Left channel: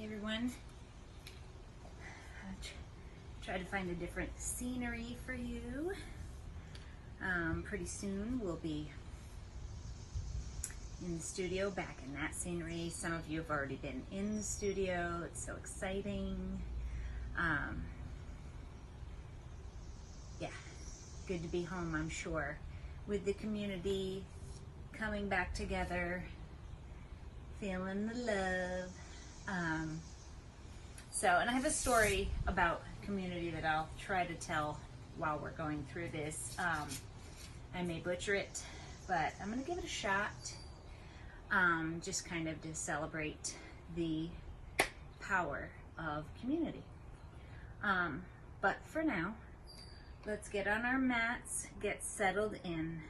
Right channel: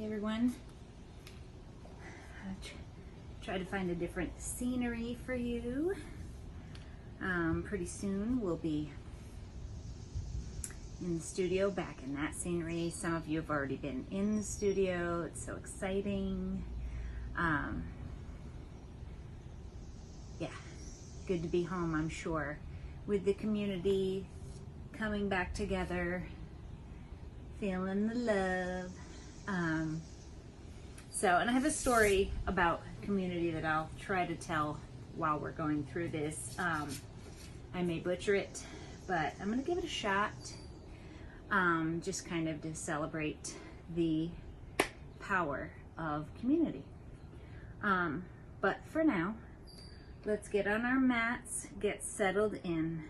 Hey everyone. Try to find a different scenery for you. Pretty soon we'll be in the studio, back in that scenery. Some of you have already been in the studio. It's so exciting. Yeah, good to be home, I'm sure, with the community coming back together, feeling the love. And I have a story about community that I'll try to tell while we're going through this. I may butcher it, but I'm going to give it a shot, just kind of to celebrate the power of community. But for now, let's get on our mats, get settled in,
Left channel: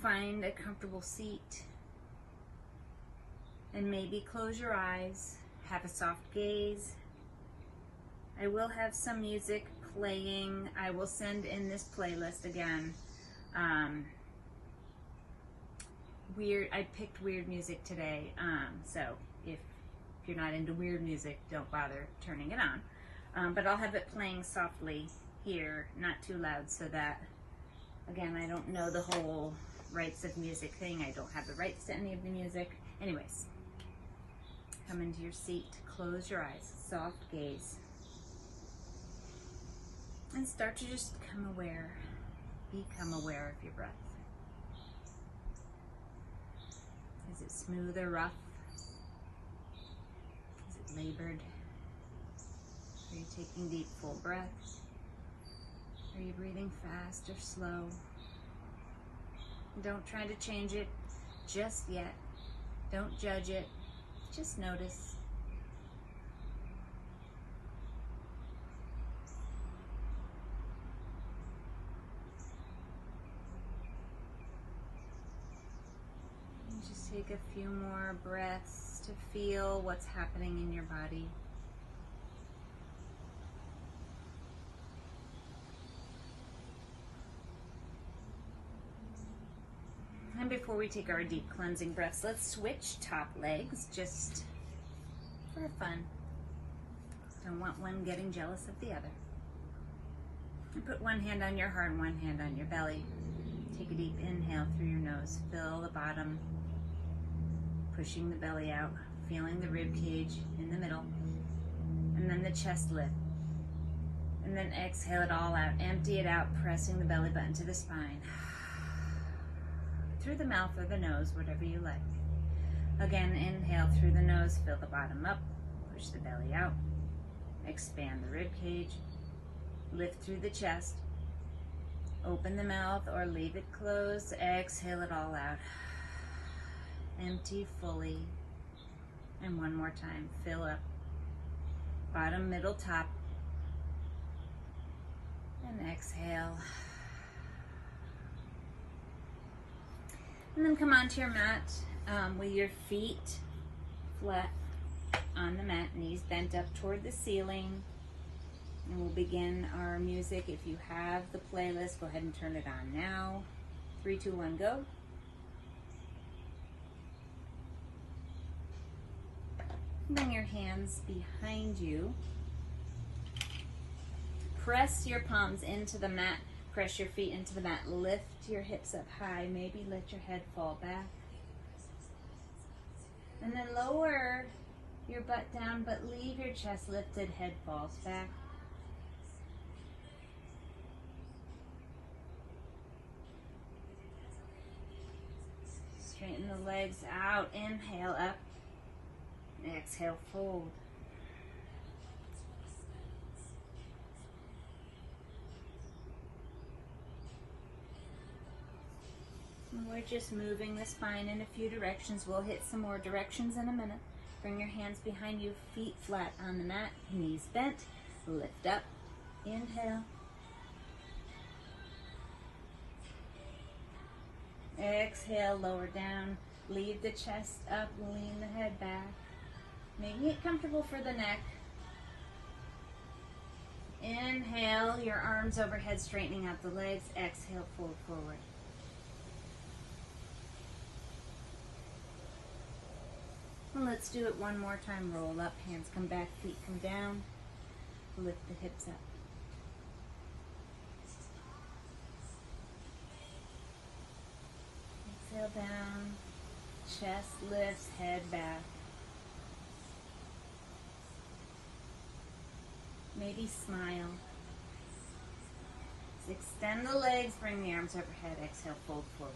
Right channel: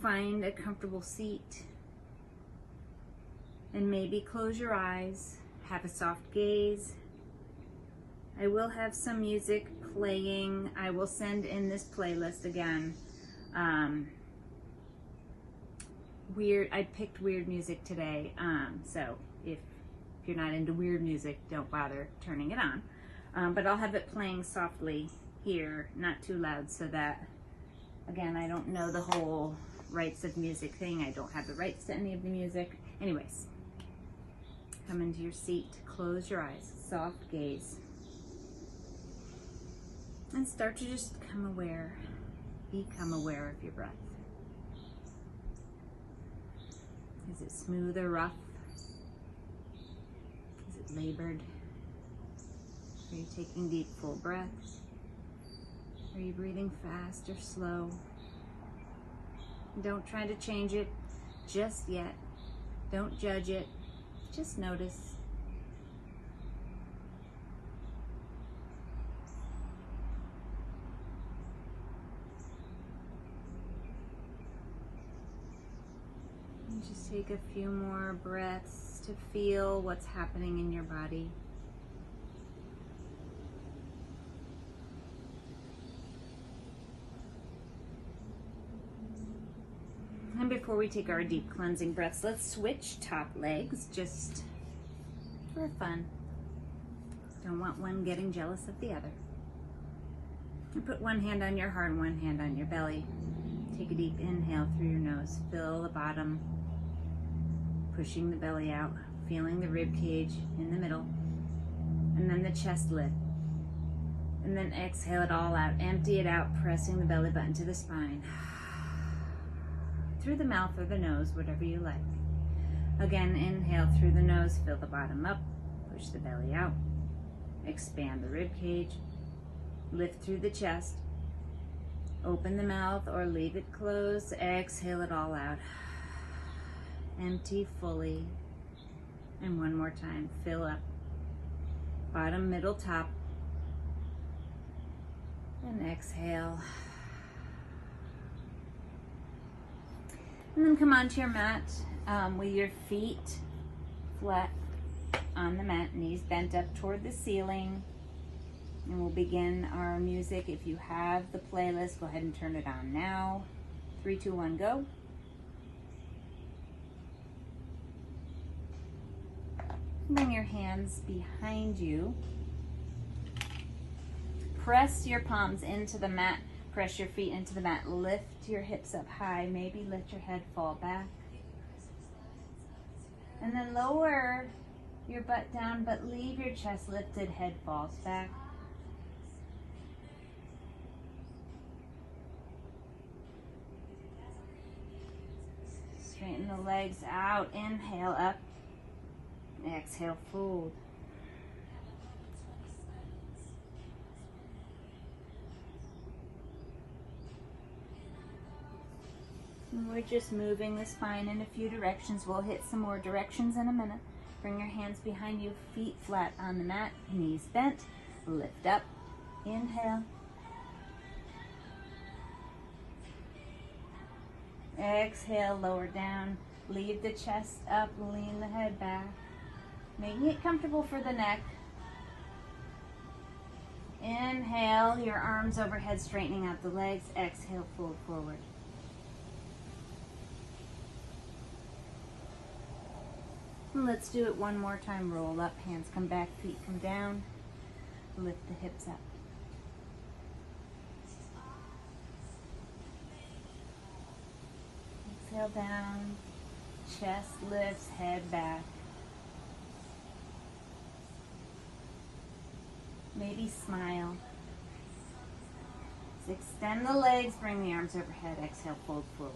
find a comfortable seat, and maybe close your eyes, have a soft gaze. I will have some music playing. I will send in this playlist again. I picked weird music today, so if you're not into weird music, don't bother turning it on. But I'll have it playing softly here, not too loud, so that, again, I don't know the whole rights of music thing. I don't have the rights to any of the music. Anyways, come into your seat, close your eyes, soft gaze, and start to just become aware of your breath. Is it smooth or rough? Is it labored? Are you taking deep, full breaths? Are you breathing fast or slow? Don't try to change it just yet. Don't judge it. Just notice. And just take a few more breaths to feel what's happening in your body. And before we take our deep cleansing breaths, let's switch top legs just for fun. Don't want one getting jealous of the other. And put one hand on your heart and one hand on your belly. Take a deep inhale through your nose. Fill the bottom, pushing the belly out, feeling the rib cage in the middle, and then the chest lift. And then exhale it all out. Empty it out, pressing the belly button to the spine. Through the mouth or the nose, whatever you like. Again, inhale through the nose, fill the bottom up, push the belly out, expand the rib cage, lift through the chest, open the mouth or leave it closed, exhale it all out. Empty fully, and one more time, fill up, bottom, middle, top, and exhale. And then come onto your mat with your feet flat on the mat, knees bent up toward the ceiling. And we'll begin our music. If you have the playlist, go ahead and turn it on now. 3, 2, 1, go. Bring your hands behind you. Press your palms into the mat. Press your feet into the mat. Lift your hips up high. Maybe let your head fall back. And then lower your butt down, but leave your chest lifted, head falls back. Straighten the legs out. Inhale up. Exhale, fold. And we're just moving the spine in a few directions. We'll hit some more directions in a minute. Bring your hands behind you, feet flat on the mat, knees bent. Lift up. Inhale. Exhale, lower down. Leave the chest up, lean the head back. Making it comfortable for the neck. Inhale, your arms overhead, straightening out the legs. Exhale, fold forward. And let's do it one more time. Roll up, hands come back, feet come down. Lift the hips up. Exhale down, chest lifts, head back. Maybe smile. Extend the legs, bring the arms overhead. Exhale, fold forward.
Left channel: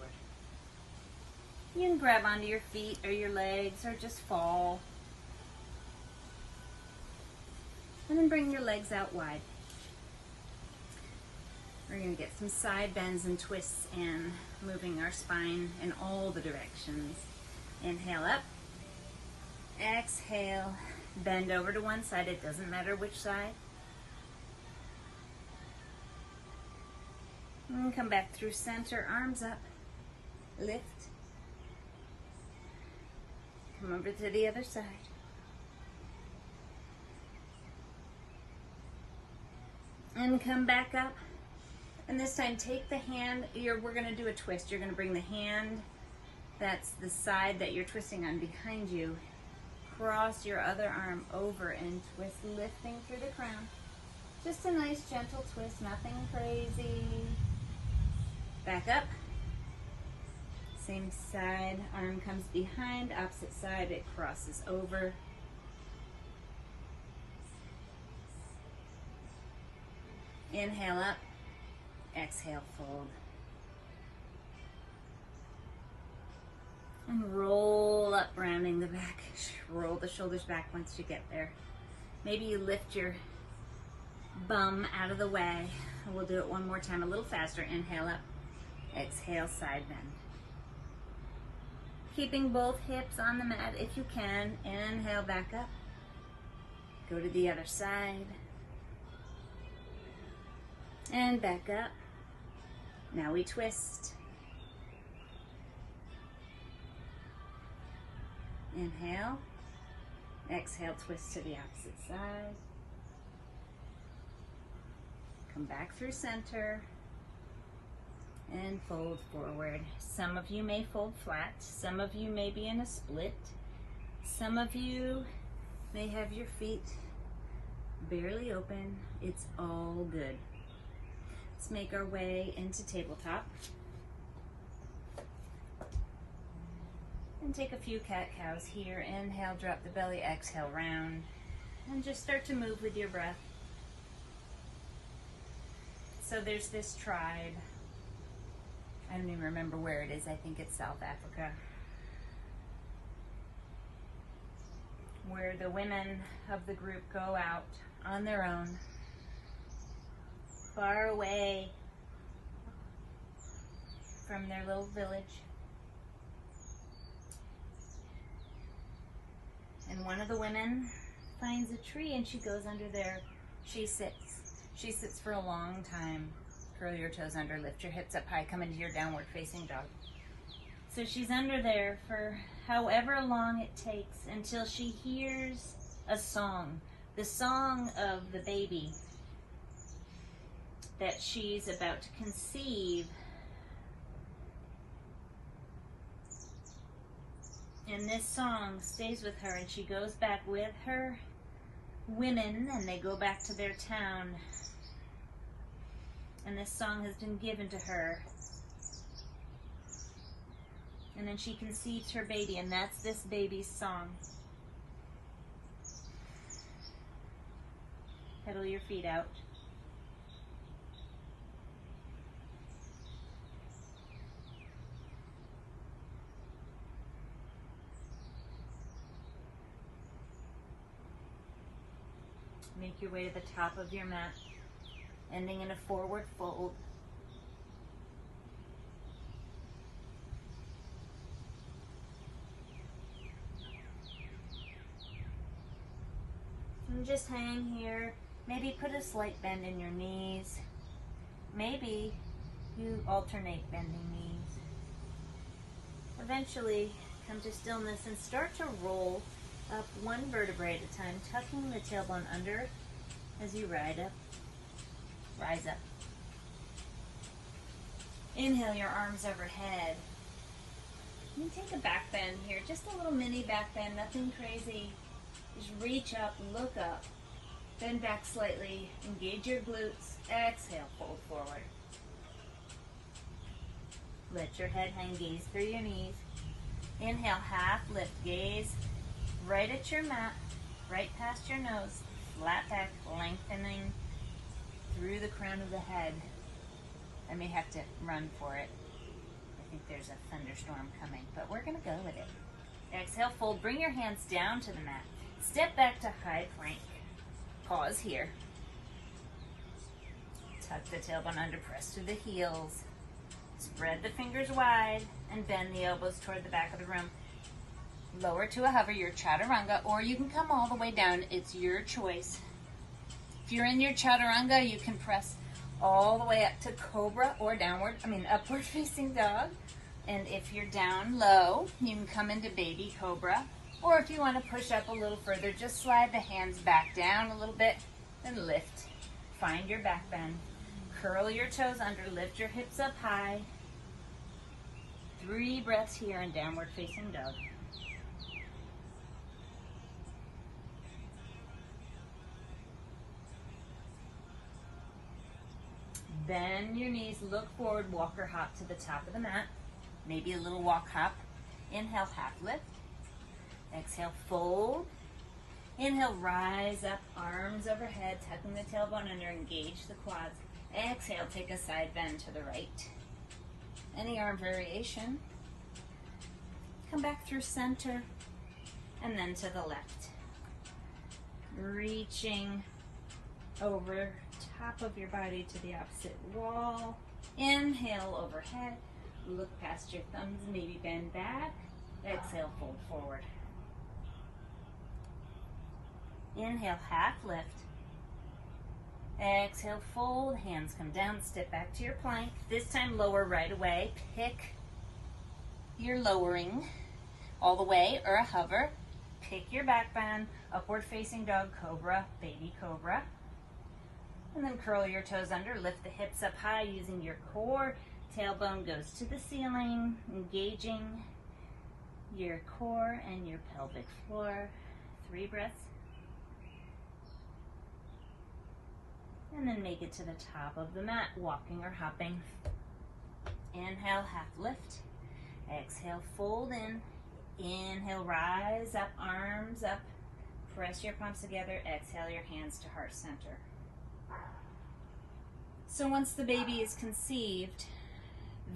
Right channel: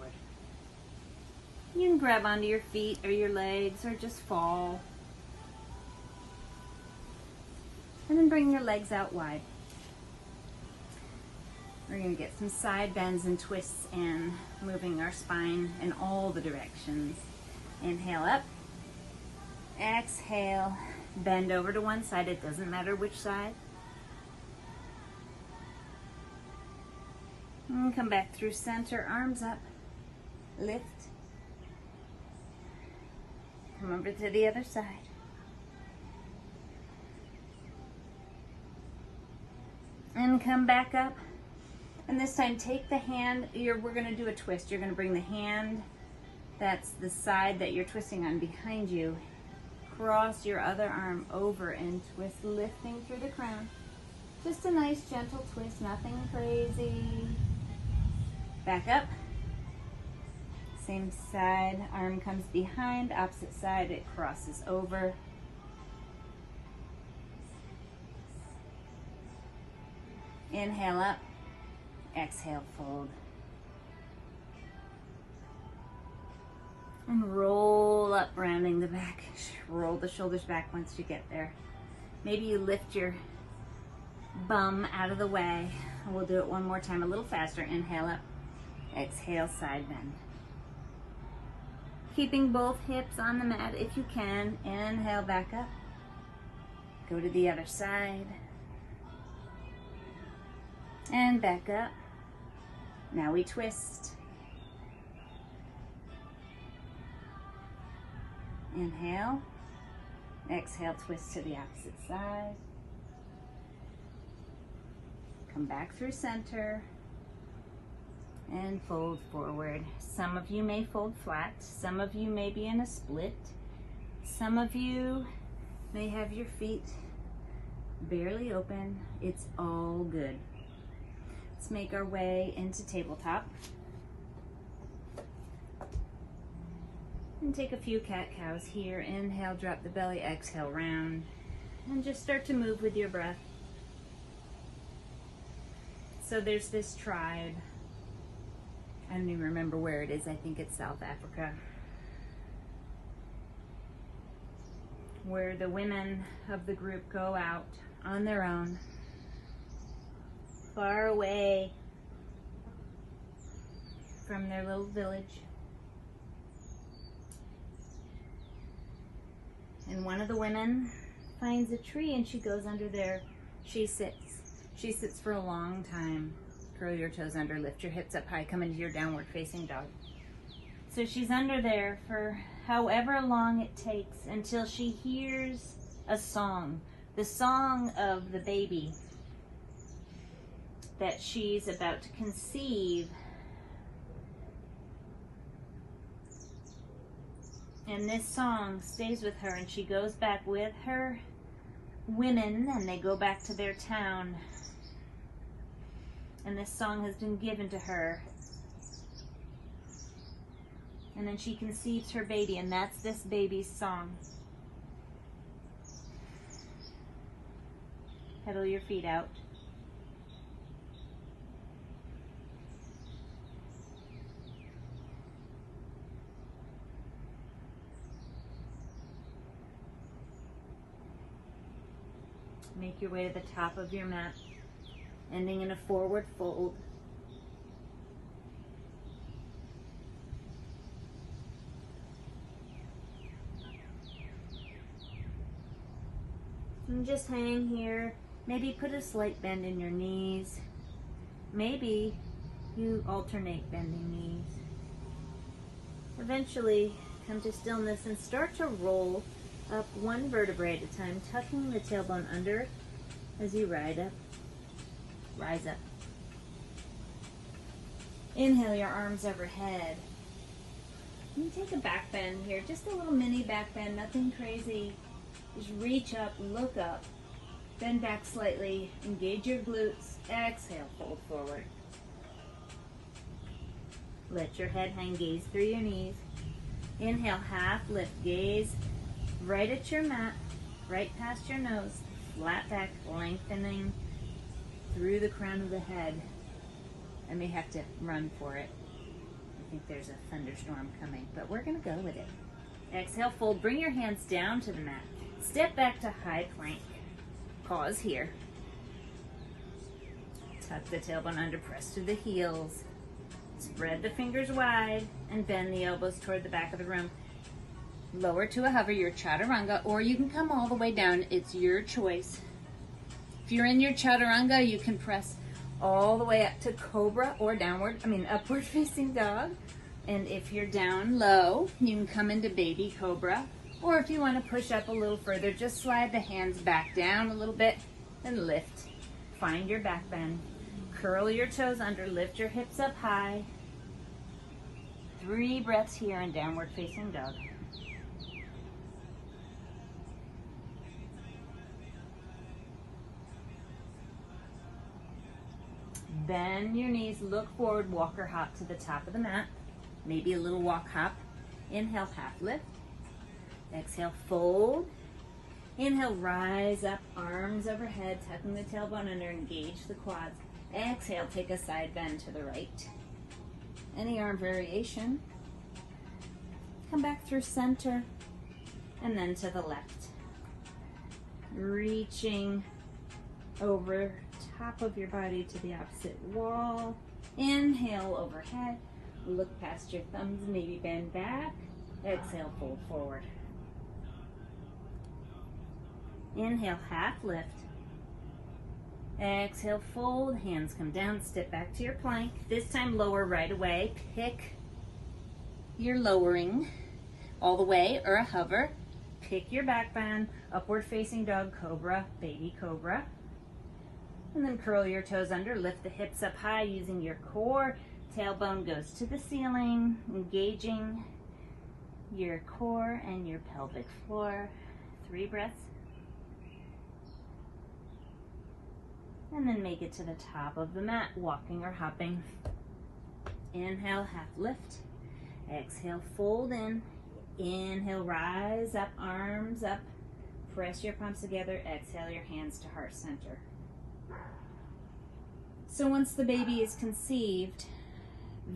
You can grab onto your feet or your legs or just fall. And then bring your legs out wide. We're going to get some side bends and twists and moving our spine in all the directions. Inhale up. Exhale. Bend over to one side. It doesn't matter which side. And come back through center. Arms up. Lift. Come over to the other side. And come back up. And this time take the hand, we're going to do a twist. You're going to bring the hand, that's the side that you're twisting on, behind you. Cross your other arm over and twist, lifting through the crown. Just a nice gentle twist, nothing crazy. Back up. Same side, arm comes behind, opposite side, it crosses over. Inhale up, exhale, fold. And roll up, rounding the back. Roll the shoulders back once you get there. Maybe you lift your bum out of the way. We'll do it one more time, a little faster. Inhale up, exhale, side bend. Keeping both hips on the mat if you can. Inhale, back up. Go to the other side. And back up. Now we twist. Inhale. Exhale, twist to the opposite side. Come back through center. And fold forward. Some of you may fold flat. Some of you may be in a split. Some of you may have your feet barely open. It's all good. Let's make our way into tabletop. And take a few cat-cows here. Inhale, drop the belly, exhale, round. And just start to move with your breath. So there's this tribe. I don't even remember where it is. I think it's South Africa. Where the women of the group go out on their own, far away from their little village. And one of the women finds a tree and she goes under there. She sits. She sits for a long time. Curl your toes under, lift your hips up high, come into your downward facing dog. So she's under there for however long it takes until she hears a song. The song of the baby that she's about to conceive. And this song stays with her, and she goes back with her women, and they go back to their town. And this song has been given to her. And then she conceives her baby, and that's this baby's song. Pedal your feet out. Make your way to the top of your mat, ending in a forward fold. And just hang here. Maybe put a slight bend in your knees. Maybe you alternate bending knees. Eventually, come to stillness and start to roll up one vertebrae at a time, tucking the tailbone under as you rise up. Inhale your arms overhead. You And take a back bend here, just a little mini back bend, nothing crazy. Just reach up, look up, bend back slightly, engage your glutes, exhale, fold forward. Let your head hang, gaze through your knees. Inhale, half lift, gaze right at your mat, right past your nose, flat back, lengthening through the crown of the head. I may have to run for it. I think there's a thunderstorm coming, but we're going to go with it. Exhale, fold, bring your hands down to the mat. Step back to high plank. Pause here. Tuck the tailbone under, press through the heels. Spread the fingers wide and bend the elbows toward the back of the room. Lower to a hover, your chaturanga, or you can come all the way down. It's your choice. If you're in your chaturanga, you can press all the way up to cobra or upward facing dog. And if you're down low, you can come into baby cobra. Or if you want to push up a little further, just slide the hands back down a little bit and lift. Find your back bend. Curl your toes under, lift your hips up high. 3 breaths here in downward facing dog. Bend your knees, look forward, walk or hop to the top of the mat. Maybe a little walk hop. Inhale, half lift. Exhale, fold. Inhale, rise up, arms overhead, tucking the tailbone under, engage the quads. Exhale, take a side bend to the right. Any arm variation. Come back through center and then to the left. Reaching over top of your body to the opposite wall. Inhale, overhead. Look past your thumbs, maybe bend back. Exhale, fold forward. Inhale, half lift. Exhale, fold, hands come down, step back to your plank. This time lower right away. Pick your lowering all the way or a hover. Pick your back bend, upward facing dog, cobra, baby cobra. And then curl your toes under, lift the hips up high using your core. Tailbone goes to the ceiling, engaging your core and your pelvic floor. 3 breaths. And then make it to the top of the mat, walking or hopping. Inhale, half lift. Exhale, fold in. Inhale, rise up, arms up. Press your palms together. Exhale, your hands to heart center. So once the baby is conceived,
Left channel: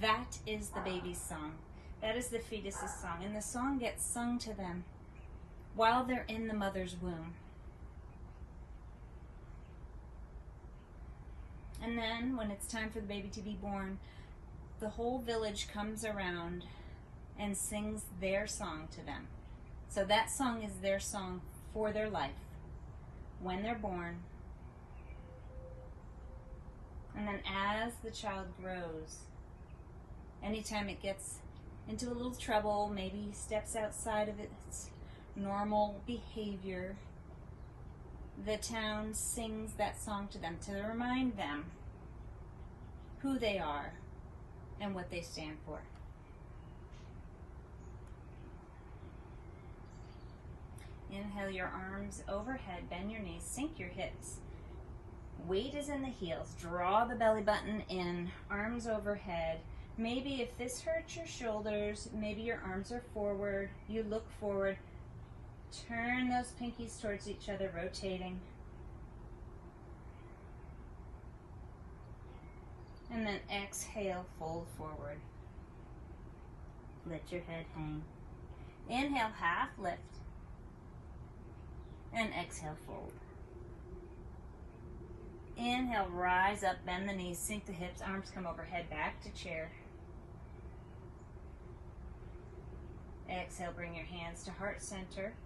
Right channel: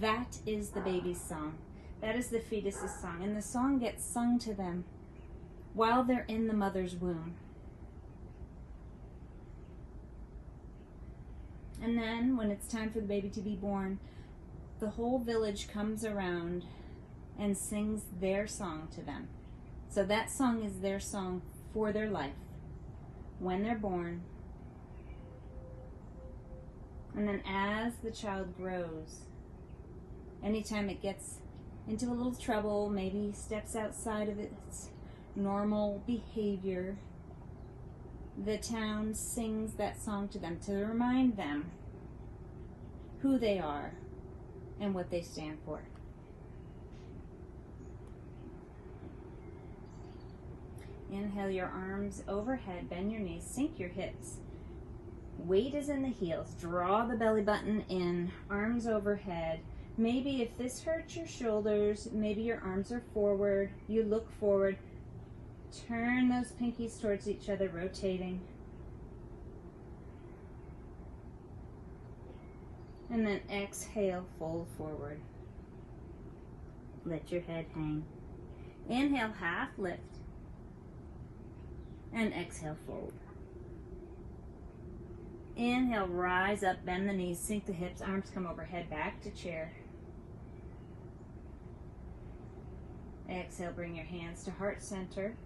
that is the baby's song. That is the fetus's song. And the song gets sung to them while they're in the mother's womb. And then when it's time for the baby to be born, the whole village comes around and sings their song to them. So that song is their song for their life when they're born. And then as the child grows, anytime it gets into a little trouble, maybe steps outside of its normal behavior, the town sings that song to them to remind them who they are and what they stand for. Inhale your arms overhead, bend your knees, sink your hips. Weight is in the heels. Draw the belly button in, arms overhead. Maybe if this hurts your shoulders, maybe your arms are forward, you look forward. Turn those pinkies towards each other, rotating. And then exhale, fold forward. Let your head hang. Inhale, half lift. And exhale, fold. Inhale, rise up, bend the knees, sink the hips, arms come overhead, back to chair. Exhale, bring your hands to heart center.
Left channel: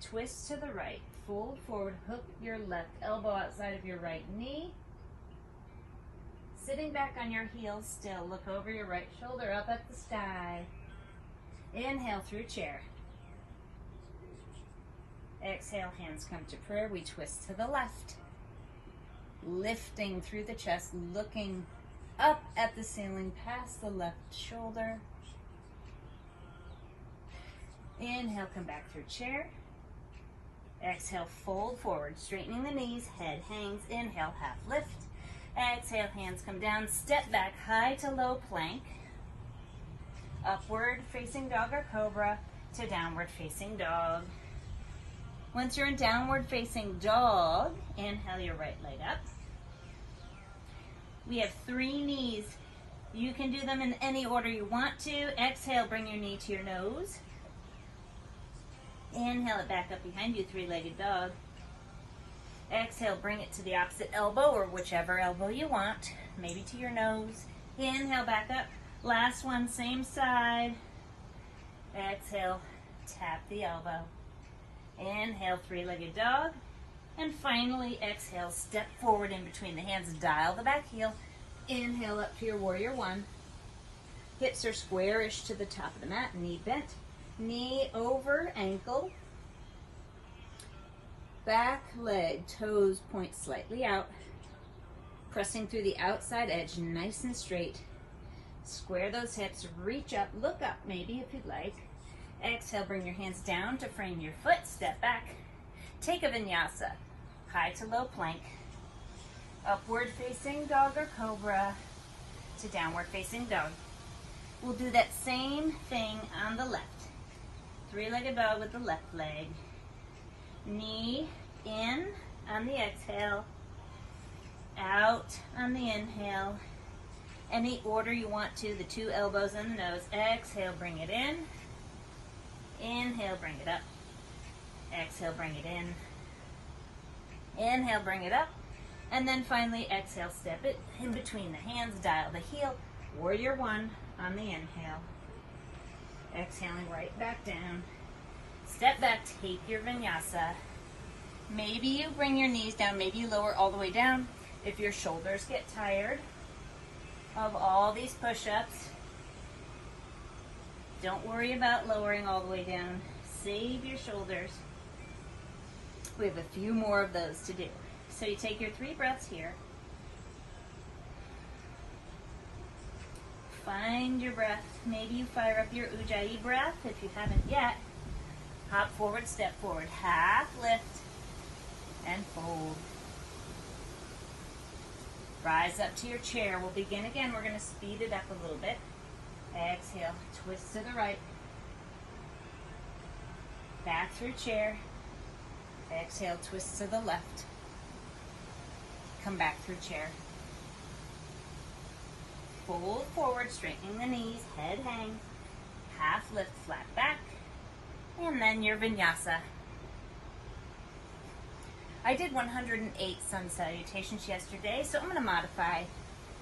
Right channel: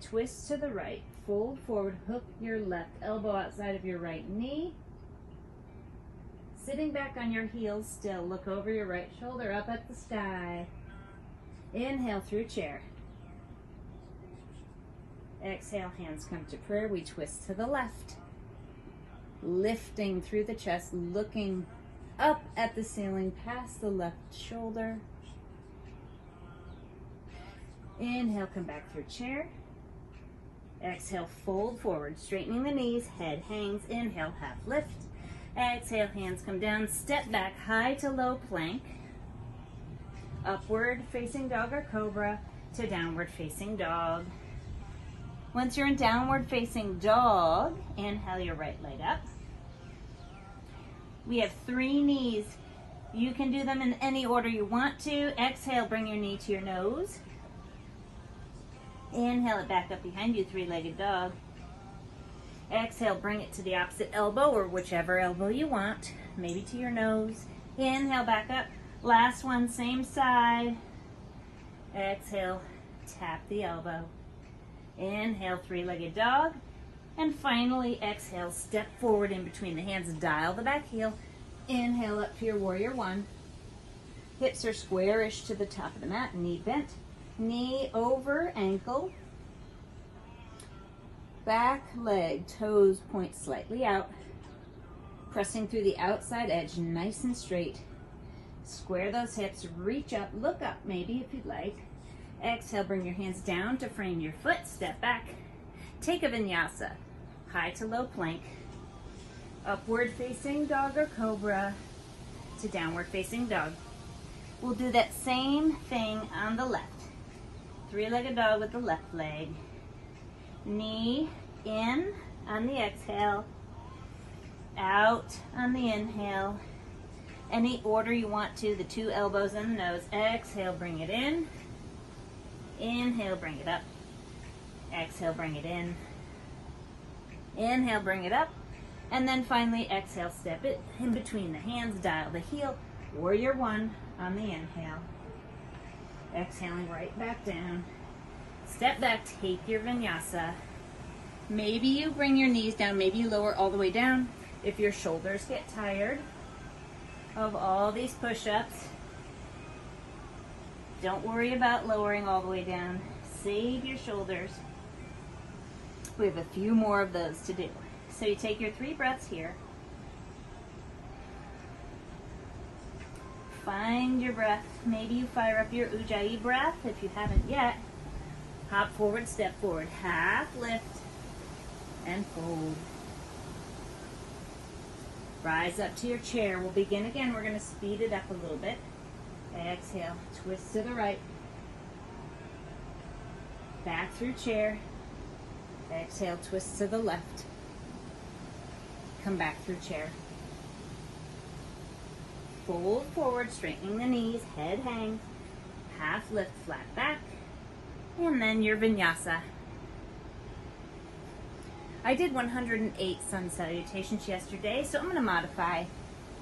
Twist to the right, fold forward, hook your left elbow outside of your right knee. Sitting back on your heels still, look over your right shoulder, up at the sky. Inhale through chair. Exhale, hands come to prayer. We twist to the left. Lifting through the chest, looking up at the ceiling past the left shoulder. Inhale, come back through chair. Exhale, fold forward, straightening the knees, head hangs. Inhale, half lift. Exhale, hands come down, step back, high to low plank. Upward facing dog or cobra to downward facing dog. Once you're in downward facing dog, inhale your right leg up. We have 3 knees. You can do them in any order you want to. Exhale, bring your knee to your nose. Inhale it back up behind you, 3-legged dog. Exhale, bring it to the opposite elbow or whichever elbow you want, maybe to your nose. Inhale, back up. Last one, same side. Exhale, tap the elbow. Inhale, 3-legged dog. And finally, exhale, step forward in between the hands, dial the back heel. Inhale up to your warrior 1. Hips are squarish to the top of the mat, knee bent. Knee over ankle. Back leg, toes point slightly out. Pressing through the outside edge, nice and straight. Square those hips, reach up, look up maybe if you'd like. Exhale, bring your hands down to frame your foot, step back. Take a vinyasa, high to low plank. Upward facing dog or cobra to downward facing dog. We'll do that same thing on the left. 3-legged dog with the left leg. Knee in on the exhale, out on the inhale. Any order you want to, the 2 elbows and the nose. Exhale, bring it in. Inhale, bring it up. Exhale, bring it in. Inhale, bring it up. And then finally, exhale, step it in between the hands, dial the heel. Warrior 1 on the inhale. Exhaling right back down. Step back, take your vinyasa. Maybe you bring your knees down, maybe you lower all the way down. If your shoulders get tired of all these push-ups, don't worry about lowering all the way down. Save your shoulders. We have a few more of those to do. So you take your 3 breaths here. Find your breath. Maybe you fire up your Ujjayi breath if you haven't yet. Hop forward, step forward, half lift, and fold. Rise up to your chair. We'll begin again. We're going to speed it up a little bit. Exhale, twist to the right. Back through chair. Exhale, twist to the left. Come back through chair. Fold forward, straightening the knees, head hang, half lift, flat back, and then your vinyasa. I did 108 sun salutations yesterday, so I'm going to modify.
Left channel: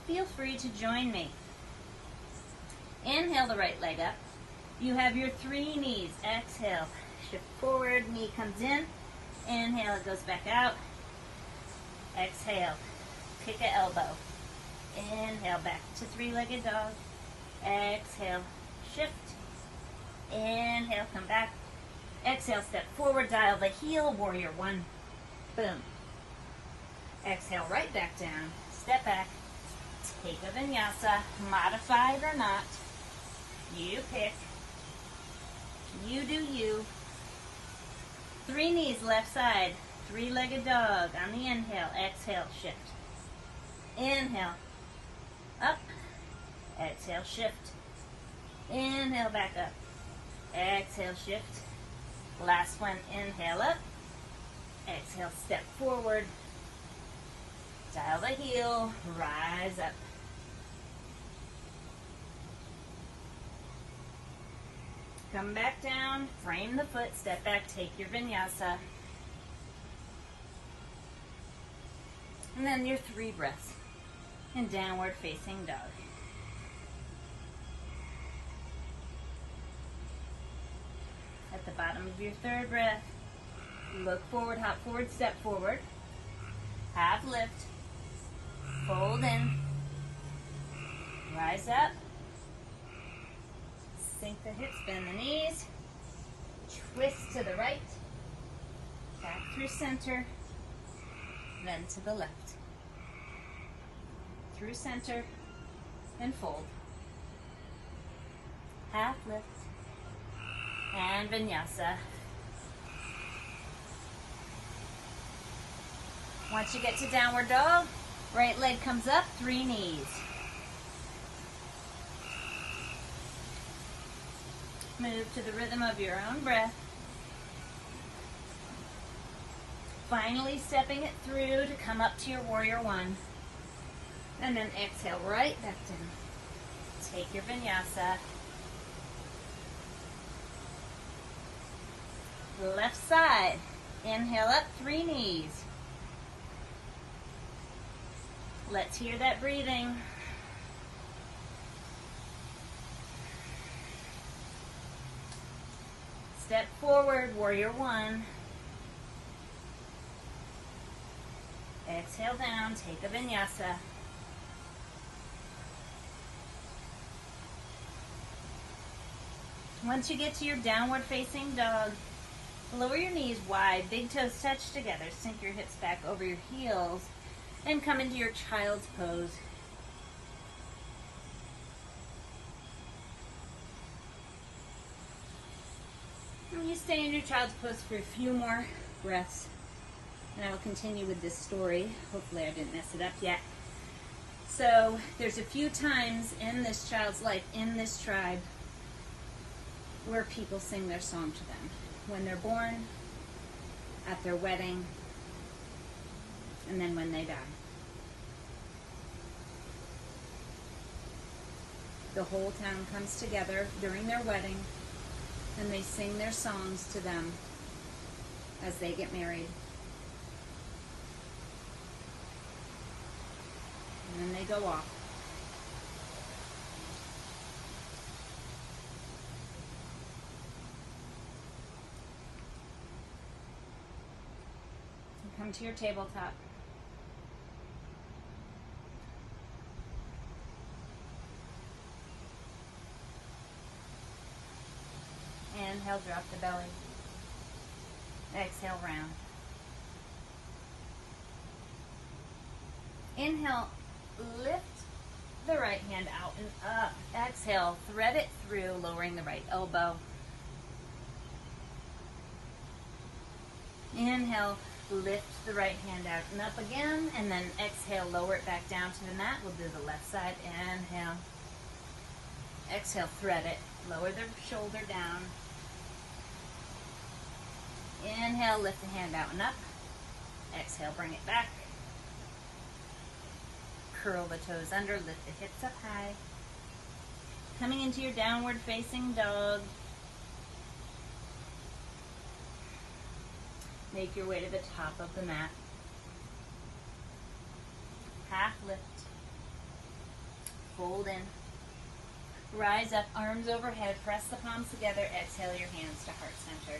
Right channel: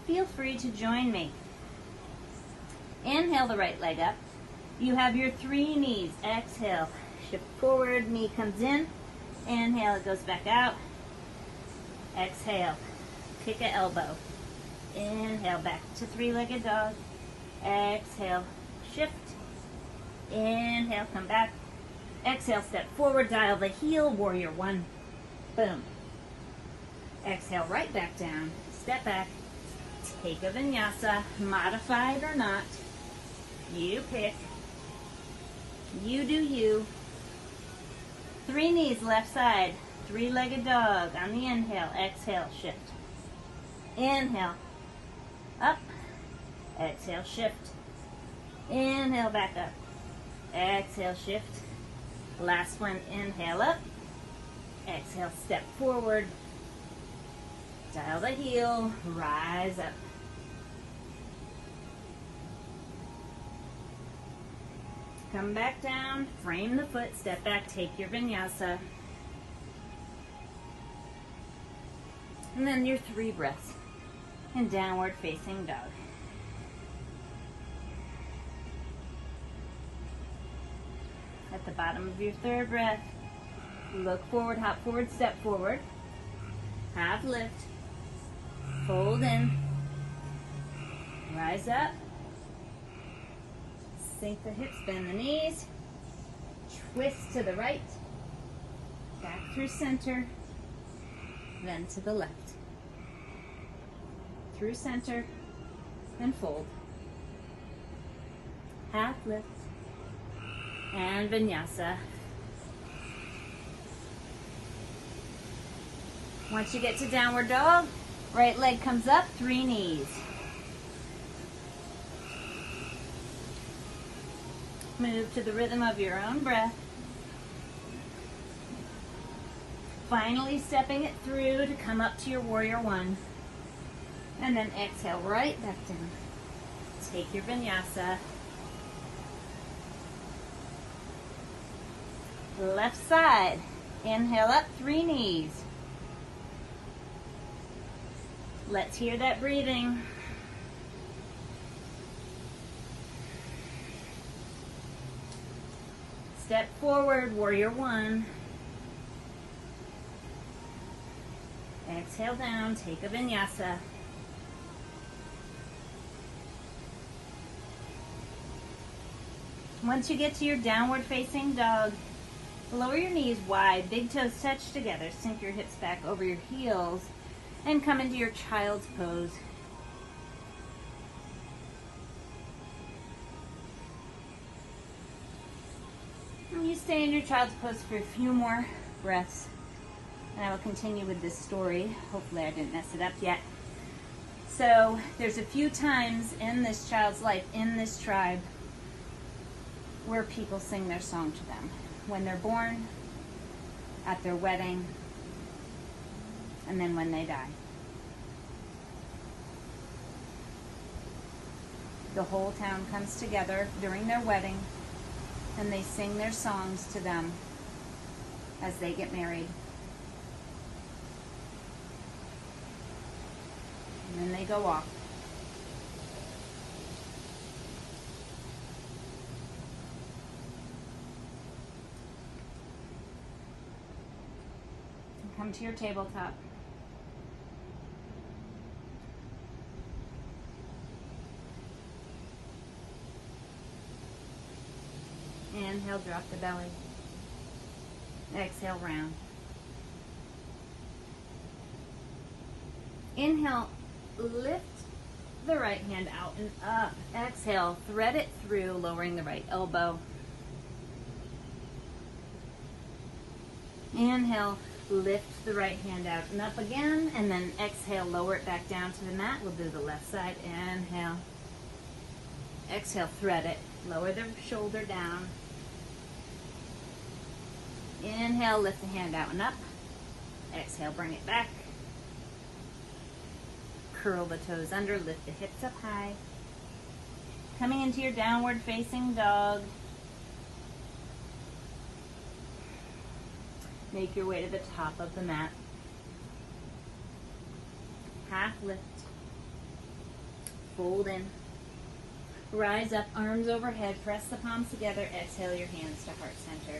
Feel free to join me. Inhale the right leg up. You have your 3 knees. Exhale, shift forward, knee comes in. Inhale, it goes back out. Exhale, kick an elbow. Inhale, back to 3-legged dog. Exhale, shift. Inhale, come back. Exhale, step forward, dial the heel, warrior 1. Boom. Exhale, right back down. Step back. Take a vinyasa, modified or not. You pick. You do you. 3 knees, left side. 3-legged dog on the inhale. Exhale, shift. Inhale. Up. Exhale, shift. Inhale, back up. Exhale, shift. Last one, inhale up. Exhale, step forward. Dial the heel, rise up. Come back down, frame the foot, step back, take your vinyasa. And then your 3 breaths in downward facing dog. At the bottom of your 3rd breath, look forward, hop forward, step forward. Half lift, fold in, rise up, sink the hips, bend the knees, twist to the right, back through center, then to the left. Through center, and fold. Half lift, And vinyasa. Once you get to downward dog, right leg comes up, 3 knees. Move to the rhythm of your own breath. Finally stepping it through to come up to your warrior one. And then exhale right back down. Take your vinyasa. Left side. Inhale up, 3 knees. Let's hear that breathing. Step forward, warrior one. Exhale down, take a vinyasa. Once you get to your downward facing dog, lower your knees wide, big toes touch together, sink your hips back over your heels, and come into your child's pose. And you stay in your child's pose for a few more breaths. And I will continue with this story. Hopefully I didn't mess it up yet. So there's a few times in this child's life, in this tribe, where people sing their song to them. When they're born, at their wedding, and then when they die. The whole town comes together during their wedding, and they sing their songs to them as they get married. And then they go off. And come to your tabletop. Inhale, drop the belly. Exhale, round. Inhale, lift the right hand out and up. Exhale, thread it through, lowering the right elbow. Inhale, lift the right hand out and up again, and then exhale, lower it back down to the mat. We'll do the left side. Inhale. Exhale, thread it. Lower the shoulder down. Inhale, lift the hand out and up. Exhale, bring it back. Curl the toes under, lift the hips up high. Coming into your downward facing dog. Make your way to the top of the mat. Half lift. Fold in. Rise up, arms overhead, press the palms together, exhale your hands to heart center.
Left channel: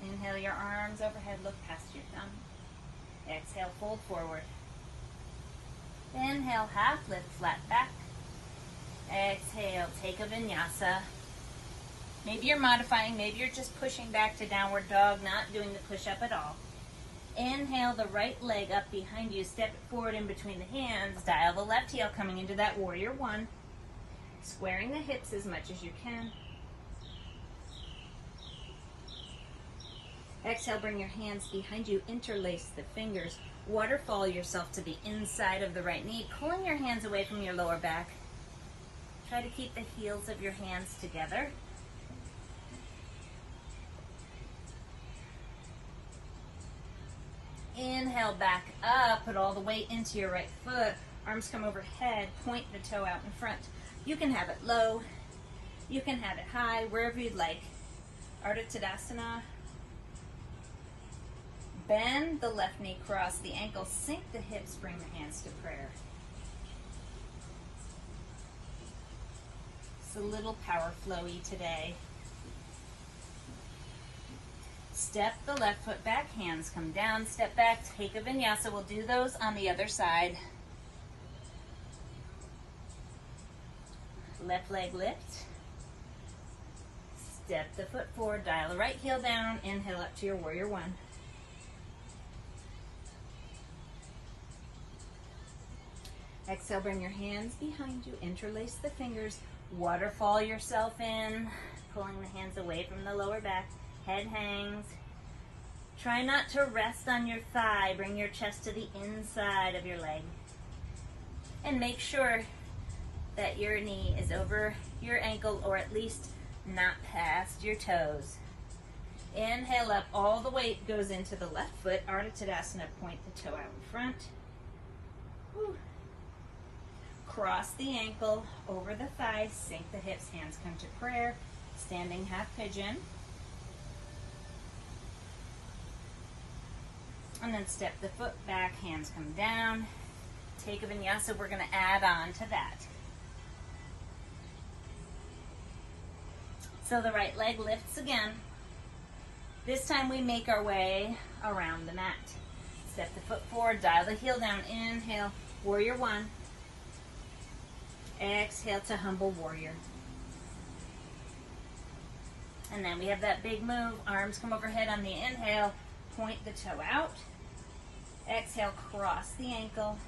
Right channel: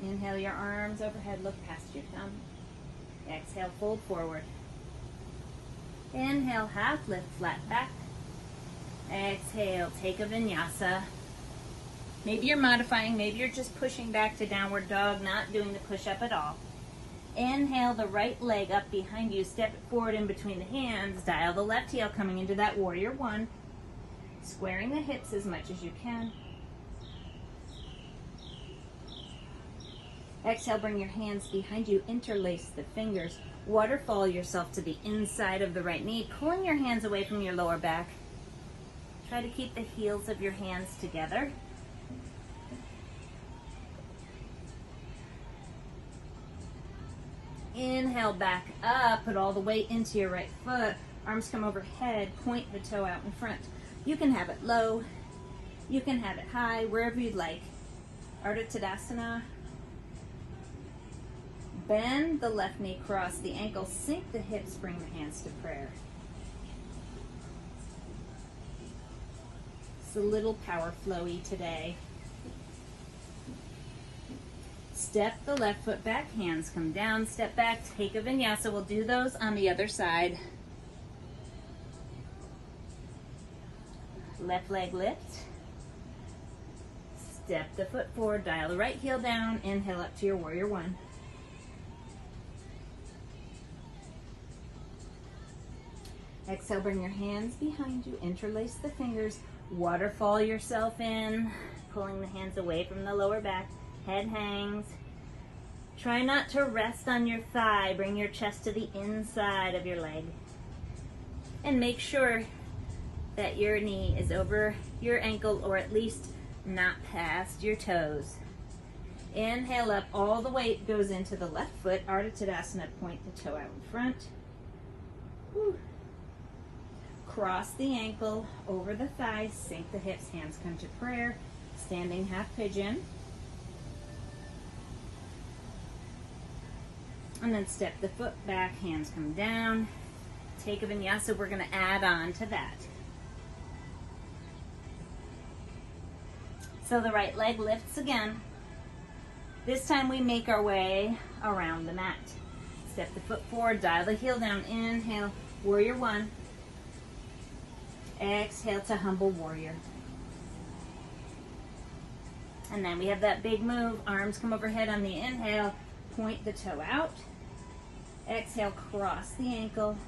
Inhale your arms overhead, look past your thumb. Exhale, fold forward. Inhale, half lift, flat back. Exhale, take a vinyasa. Maybe you're modifying, maybe you're just pushing back to downward dog, not doing the push-up at all. Inhale the right leg up behind you, step it forward in between the hands, dial the left heel coming into that warrior one, squaring the hips as much as you can. Exhale, bring your hands behind you, interlace the fingers, waterfall yourself to be inside of the right knee, pulling your hands away from your lower back. Try to keep the heels of your hands together. Inhale, back up, put all the weight into your right foot. Arms come overhead, point the toe out in front. You can have it low, you can have it high, wherever you'd like. Ardha Tadasana. Bend the left knee, cross the ankle, sink the hips, bring the hands to prayer. It's a little power flowy today. Step the left foot back, hands come down, step back, take a vinyasa. We'll do those on the other side. Left leg lift. Step the foot forward, dial the right heel down, inhale up to your warrior one. Exhale, bring your hands behind you, interlace the fingers, waterfall yourself in, pulling the hands away from the lower back, head hangs. Try not to rest on your thigh, bring your chest to the inside of your leg. And make sure that your knee is over your ankle or at least not past your toes. Inhale up, all the weight goes into the left foot, Ardha Tadasana, point the toe out in front. Whew. Cross the ankle over the thighs, sink the hips, hands come to prayer, standing half pigeon. And then step the foot back, hands come down. Take a vinyasa, we're going to add on to that. So the right leg lifts again. This time we make our way around the mat. Step the foot forward, dial the heel down, inhale, warrior one. Exhale to humble warrior. And then we have that big move, arms come overhead on the inhale, point the toe out. Exhale, cross the ankle,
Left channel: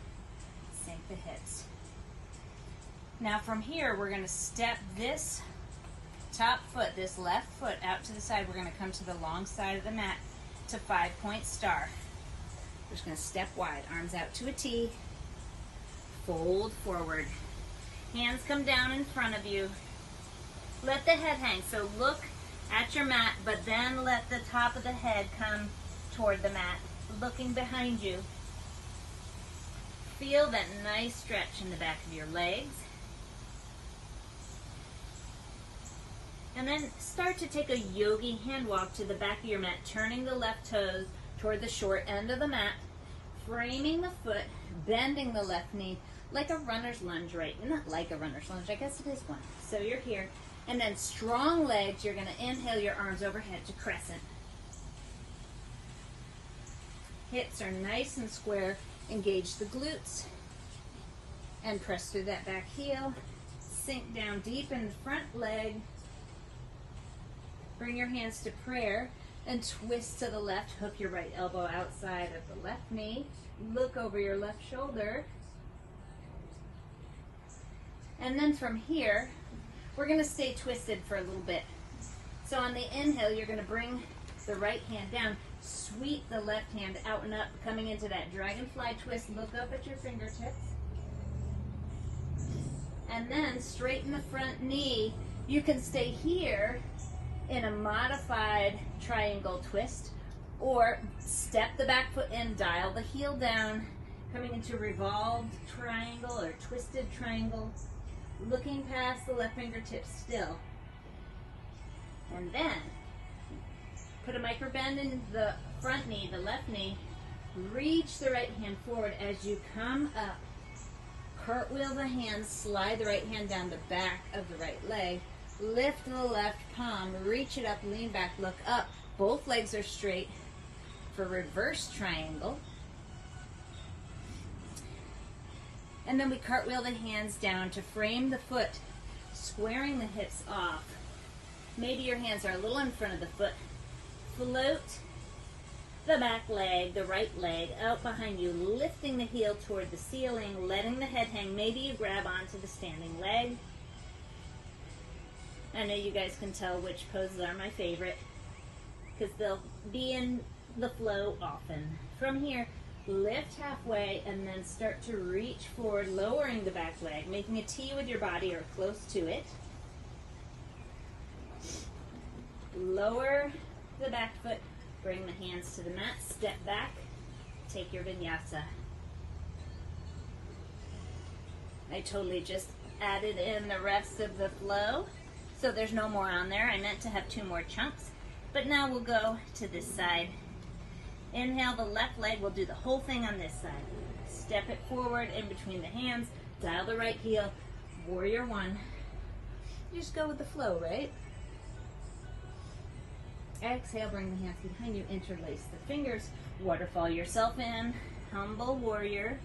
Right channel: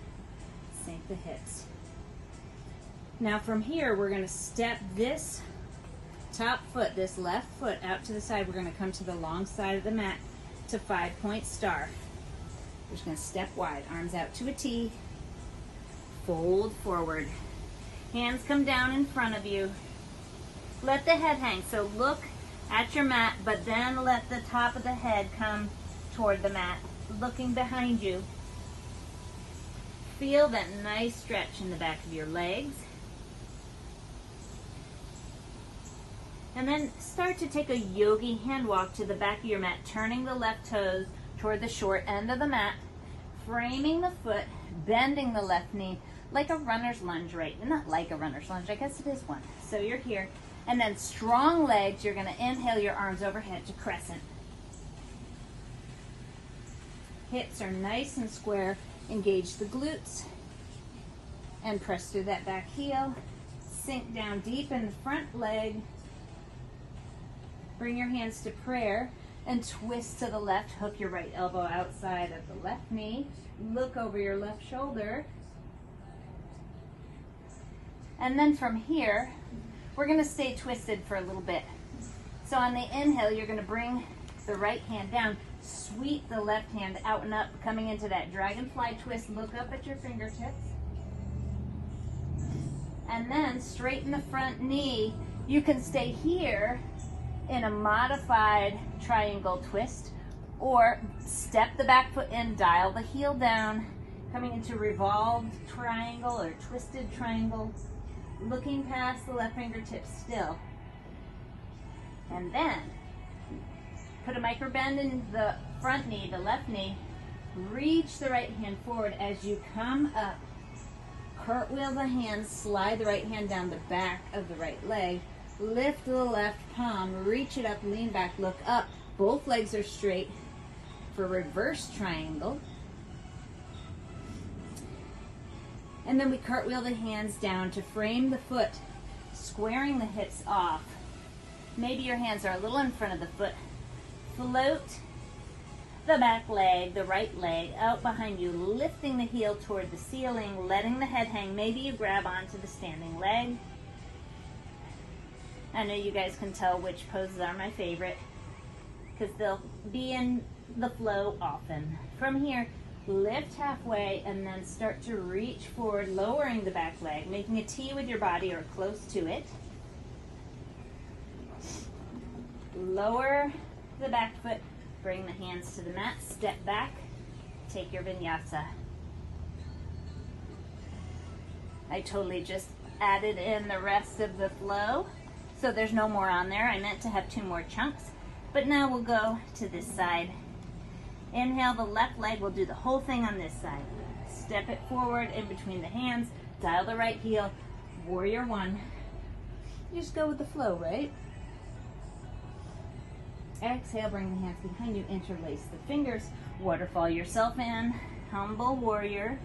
sink the hips. Now from here, we're going to step this top foot, this left foot out to the side. We're going to come to the long side of the mat to 5-point star. We're just going to step wide, arms out to a T, fold forward. Hands come down in front of you. Let the head hang. So look at your mat, but then let the top of the head come toward the mat, looking behind you. Feel that nice stretch in the back of your legs. And then start to take a yogi hand walk to the back of your mat, turning the left toes toward the short end of the mat, framing the foot, bending the left knee like a runner's lunge, right? Not like a runner's lunge, I guess it is one. So you're here. And then strong legs, you're going to inhale your arms overhead to crescent. Hips are nice and square. Engage the glutes and press through that back heel. Sink down deep in the front leg. Bring your hands to prayer and twist to the left. Hook your right elbow outside of the left knee. Look over your left shoulder. And then from here, we're going to stay twisted for a little bit. So on the inhale, you're going to bring the right hand down. Sweep the left hand out and up, coming into that dragonfly twist. Look up at your fingertips. And then straighten the front knee. You can stay here in a modified triangle twist, or step the back foot in, dial the heel down, coming into revolved triangle or twisted triangle, looking past the left fingertips still. And then put a micro bend in the front knee, the left knee. Reach the right hand forward as you come up. Cartwheel the hands, slide the right hand down the back of the right leg. Lift the left palm, reach it up, lean back, look up. Both legs are straight for reverse triangle. And then we cartwheel the hands down to frame the foot, squaring the hips off. Maybe your hands are a little in front of the foot. Float the back leg, the right leg, out behind you, lifting the heel toward the ceiling, letting the head hang. Maybe you grab onto the standing leg. I know you guys can tell which poses are my favorite because they'll be in the flow often. From here, lift halfway and then start to reach forward, lowering the back leg, making a T with your body or close to it. Lower the back foot, bring the hands to the mat, step back, take your vinyasa. I totally just added in the rest of the flow, so there's no more on there. I meant to have 2 more chunks, but now we'll go to this side. Inhale the left leg, we'll do the whole thing on this side. Step it forward in between the hands, dial the right heel, warrior one. You just go with the flow, right? Exhale, bring the hands behind you, interlace the fingers, waterfall yourself in, humble warrior.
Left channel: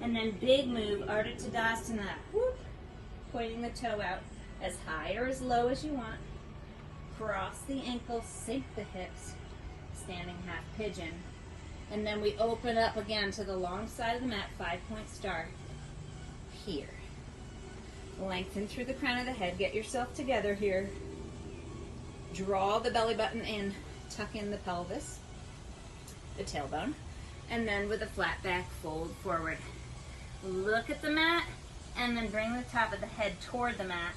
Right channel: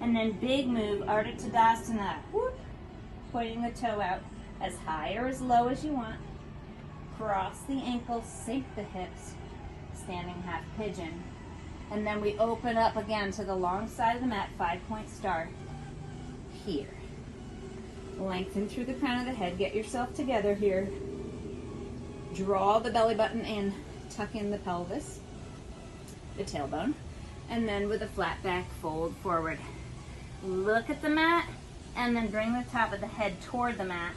And then big move, Ardha Tadasana, whoop, pointing the toe out as high or as low as you want. Cross the ankles, sink the hips, standing half pigeon. And then we open up again to the long side of the mat, 5-point star. Here. Lengthen through the crown of the head. Get yourself together here. Draw the belly button in. Tuck in the pelvis, the tailbone. And then with a flat back, fold forward. Look at the mat, and then bring the top of the head toward the mat.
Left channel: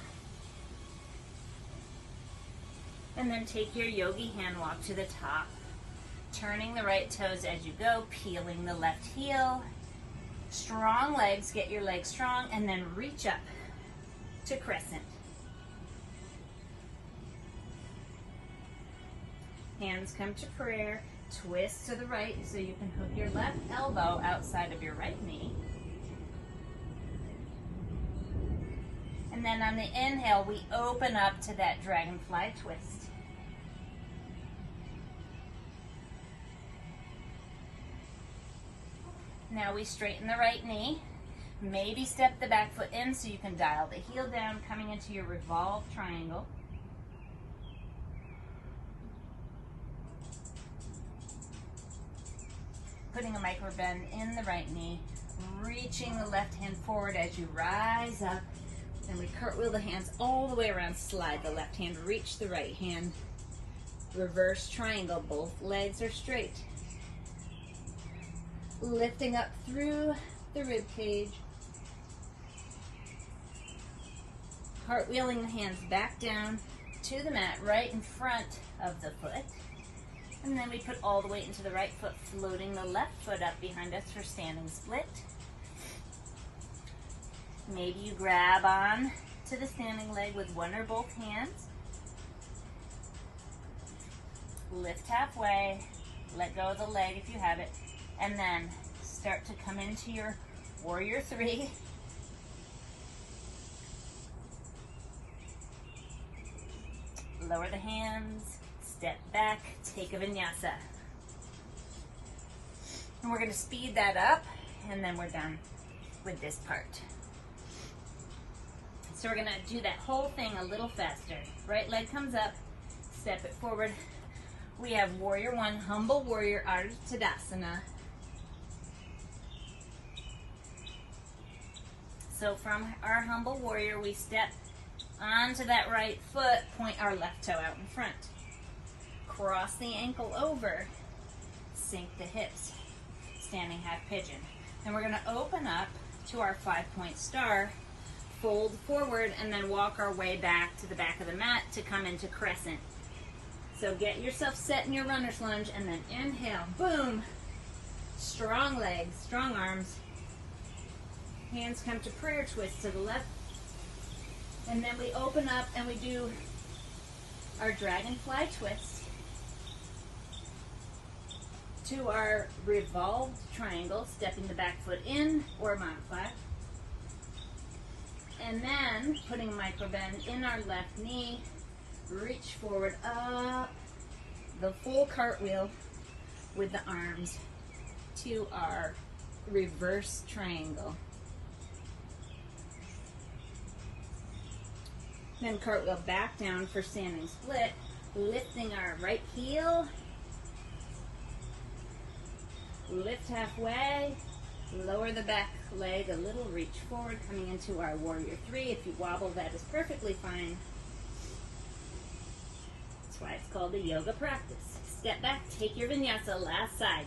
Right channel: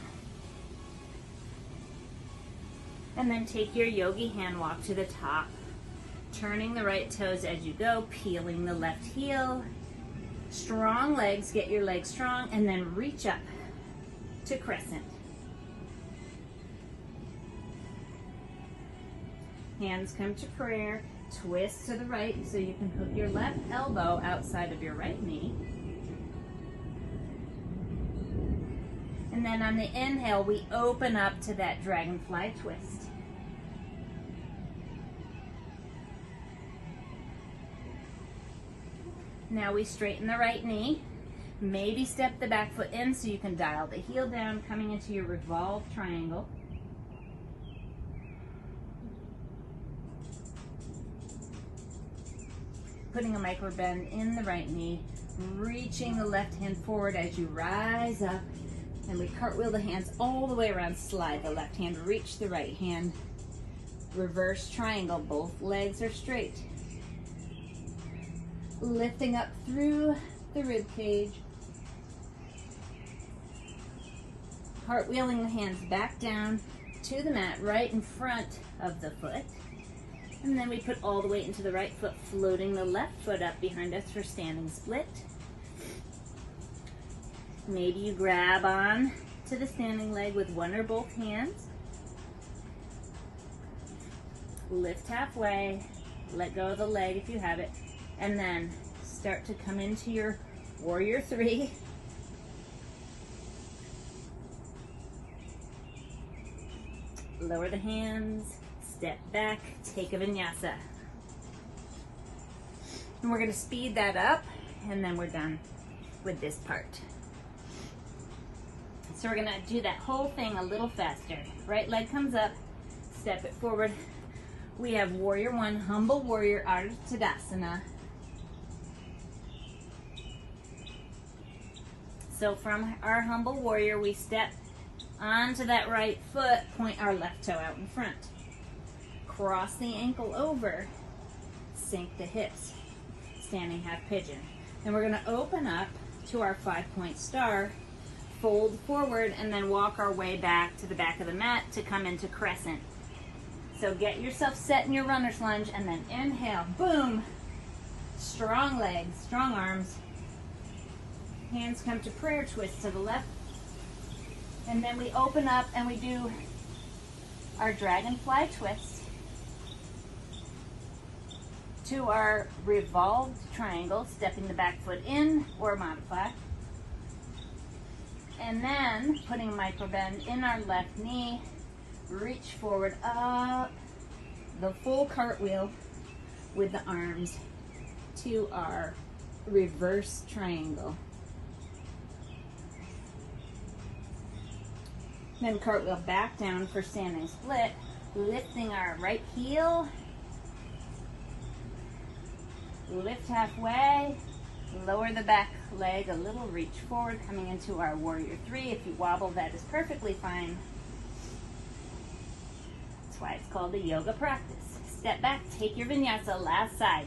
And then take your yogi hand walk to the top. Turning the right toes as you go, peeling the left heel. Strong legs, get your legs strong, and then reach up to crescent. Hands come to prayer. Twist to the right so you can hook your left elbow outside of your right knee. And then on the inhale, we open up to that dragonfly twist. Now we straighten the right knee. Maybe step the back foot in so you can dial the heel down, coming into your revolved triangle. Putting a micro bend in the right knee, reaching the left hand forward as you rise up, and we cartwheel the hands all the way around, slide the left hand, reach the right hand, reverse triangle, both legs are straight. Lifting up through the rib cage, cartwheeling the hands back down to the mat right in front of the foot. And then we put all the weight into the right foot, floating the left foot up behind us for standing split. Maybe you grab on to the standing leg with one or both hands. Lift halfway, let go of the leg if you have it, and then start to come into your warrior 3. Lower the hands. Step back, take a vinyasa. And we're going to speed that up, and then we're done with this part. So we're going to do that whole thing a little faster. Right leg comes up, step it forward. We have warrior 1, humble warrior, Ardha Tadasana. So from our humble warrior, we step onto that right foot, point our left toe out in front. Cross the ankle over, sink the hips, standing half pigeon. And we're going to open up to our 5-point star, fold forward, and then walk our way back to the back of the mat to come into crescent. So get yourself set in your runner's lunge, and then inhale, boom, strong legs, strong arms. Hands come to prayer, twist to the left. And then we open up and we do our dragonfly twist to our revolved triangle, stepping the back foot in or modify. And then putting a micro bend in our left knee, reach forward up, the full cartwheel with the arms to our reverse triangle. Then cartwheel back down for standing split, lifting our right heel. Lift halfway, lower the back leg a little, reach forward, coming into our warrior 3. If you wobble, that is perfectly fine. That's why it's called a yoga practice. Step back, take your vinyasa, last side.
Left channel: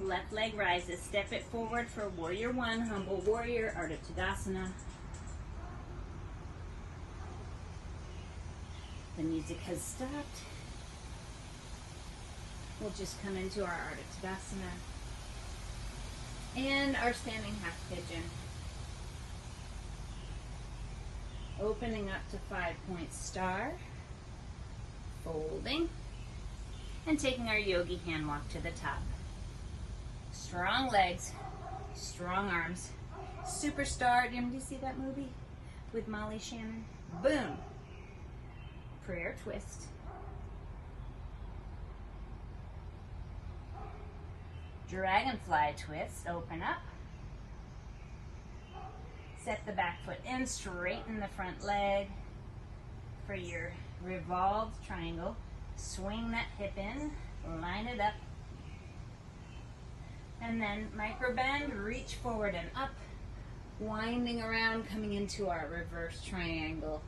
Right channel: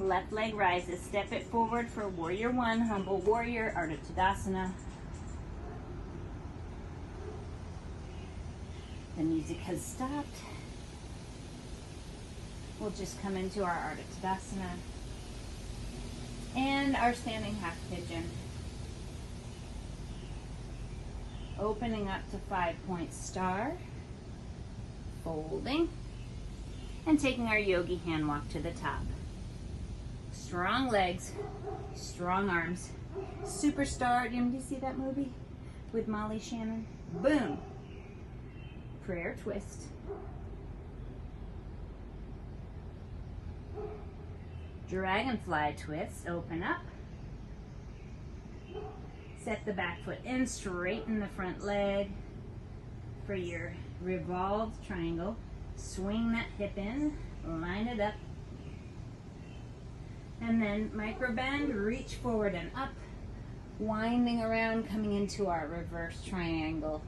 Left leg rises, step it forward for warrior 1, humble warrior, Ardha Tadasana. The music has stopped. We'll just come into our Ardha Tadasana and our standing half pigeon. Opening up to 5-point star, folding, and taking our yogi hand walk to the top. Strong legs, strong arms. Superstar, did you see that movie with Molly Shannon? Boom. Prayer twist. Dragonfly twist, open up. Set the back foot in, straighten the front leg. for your revolved triangle. Swing that hip in, line it up, and then micro bend, reach forward and up, winding around, coming into our reverse triangle.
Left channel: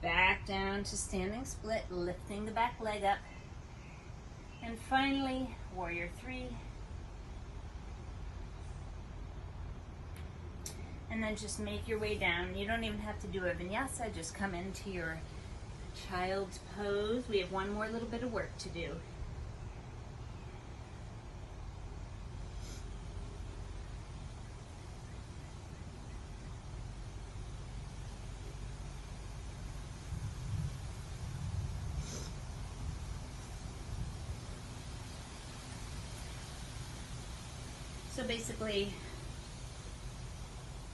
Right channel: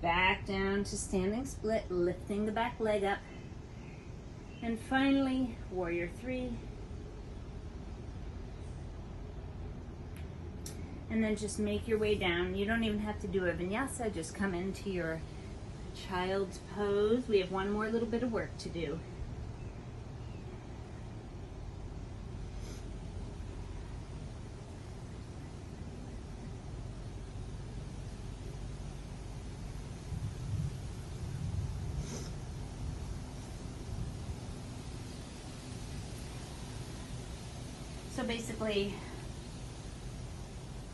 Back down to standing split, lifting the back leg up, and finally, warrior three. And then just make your way down. You don't even have to do a vinyasa, just come into your child's pose. We have one more little bit of work to do. So basically,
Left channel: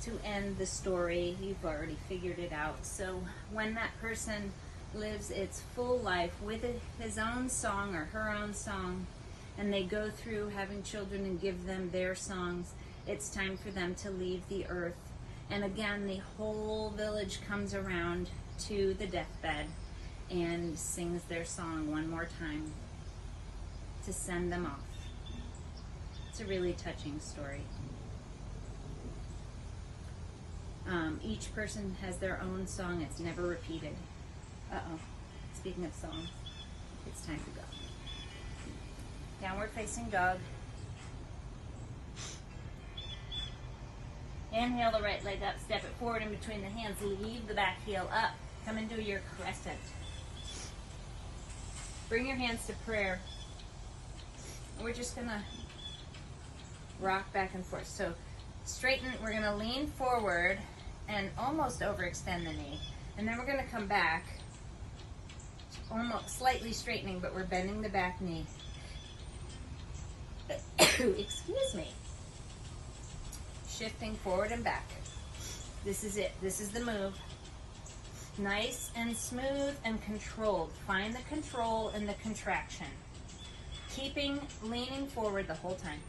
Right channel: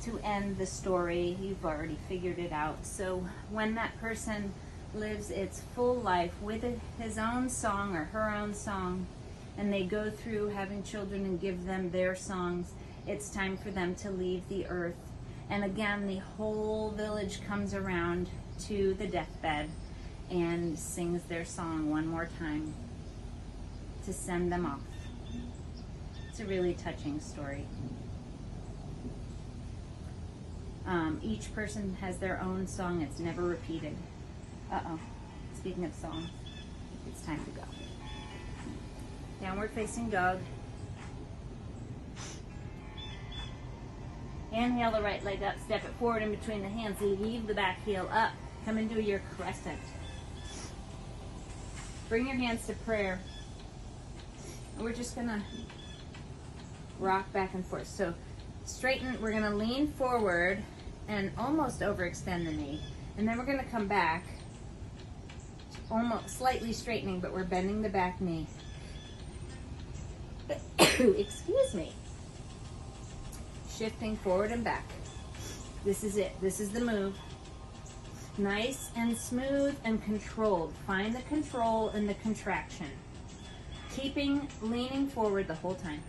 to end the story, you've already figured it out. So when that person lives its full life with his own song or her own song, and they go through having children and give them their songs, it's time for them to leave the earth. And again, the whole village comes around to the deathbed and sings their song one more time to send them off. It's a really touching story. Each person has their own song. It's never repeated. Speaking of song, it's time to go. Downward facing dog. Inhale the right leg up, step it forward in between the hands, leave the back heel up. Come into your crescent. Bring your hands to prayer. We're just gonna rock back and forth. So straighten, we're gonna lean forward and almost overextend the knee. And then we're gonna come back, almost slightly straightening, but we're bending the back knee. Excuse me. Shifting forward and back. This is it. This is the move. Nice and smooth and controlled. Find the control in the contraction. Keeping leaning forward the whole time.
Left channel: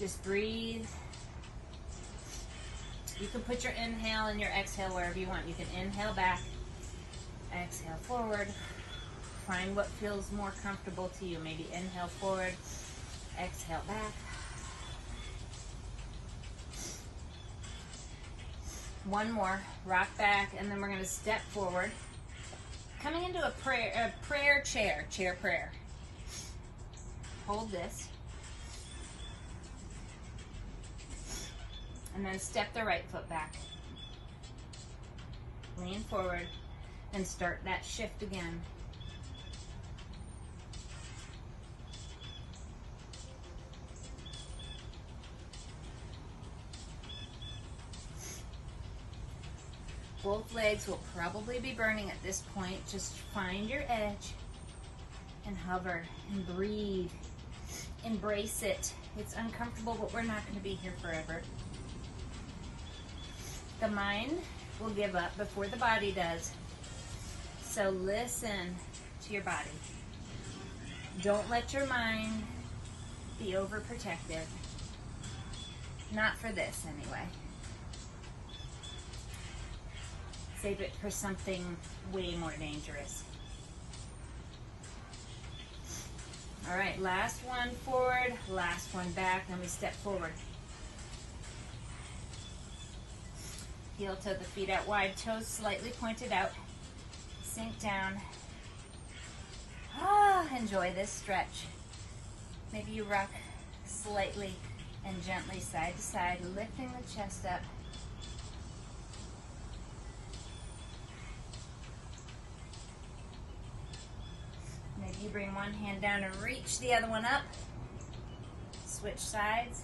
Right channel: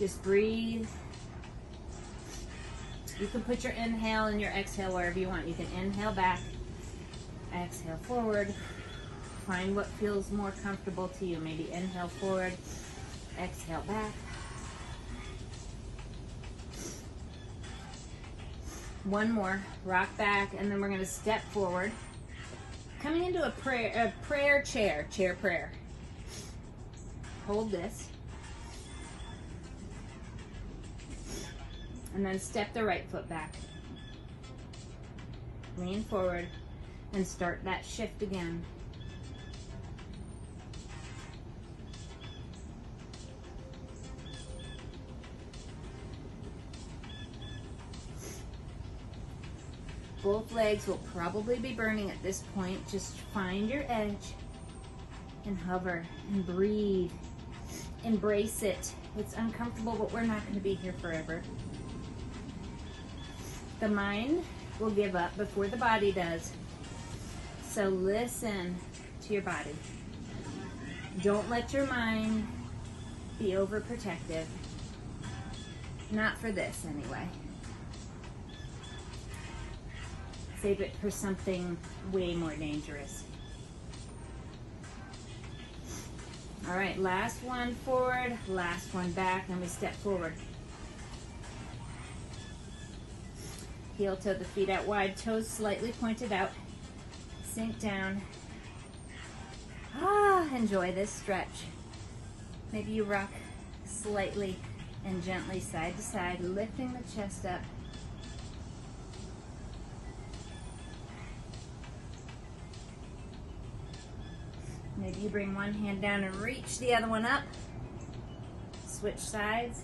Just breathe. You can put your inhale and your exhale wherever you want. You can inhale back, exhale forward. Find what feels more comfortable to you. Maybe inhale forward, exhale back. One more, rock back, and then we're going to step forward. Coming into a prayer chair prayer. Hold this. And then step the right foot back. Lean forward and start that shift again. Both legs will probably be burning at this point. Just find your edge and hover and breathe. Embrace it. It's uncomfortable, but we're not going to be here forever. The mind will give up before the body does. So listen to your body. Don't let your mind be overprotective. Not for this, anyway. Save it for something way more dangerous. All right, last one forward, last one back. Let me step forward. Heel toe the feet out wide, toes slightly pointed out. Sink down. Enjoy this stretch. Maybe you rock slightly and gently side to side, lifting the chest up. Maybe you bring one hand down and reach the other one up. Switch sides.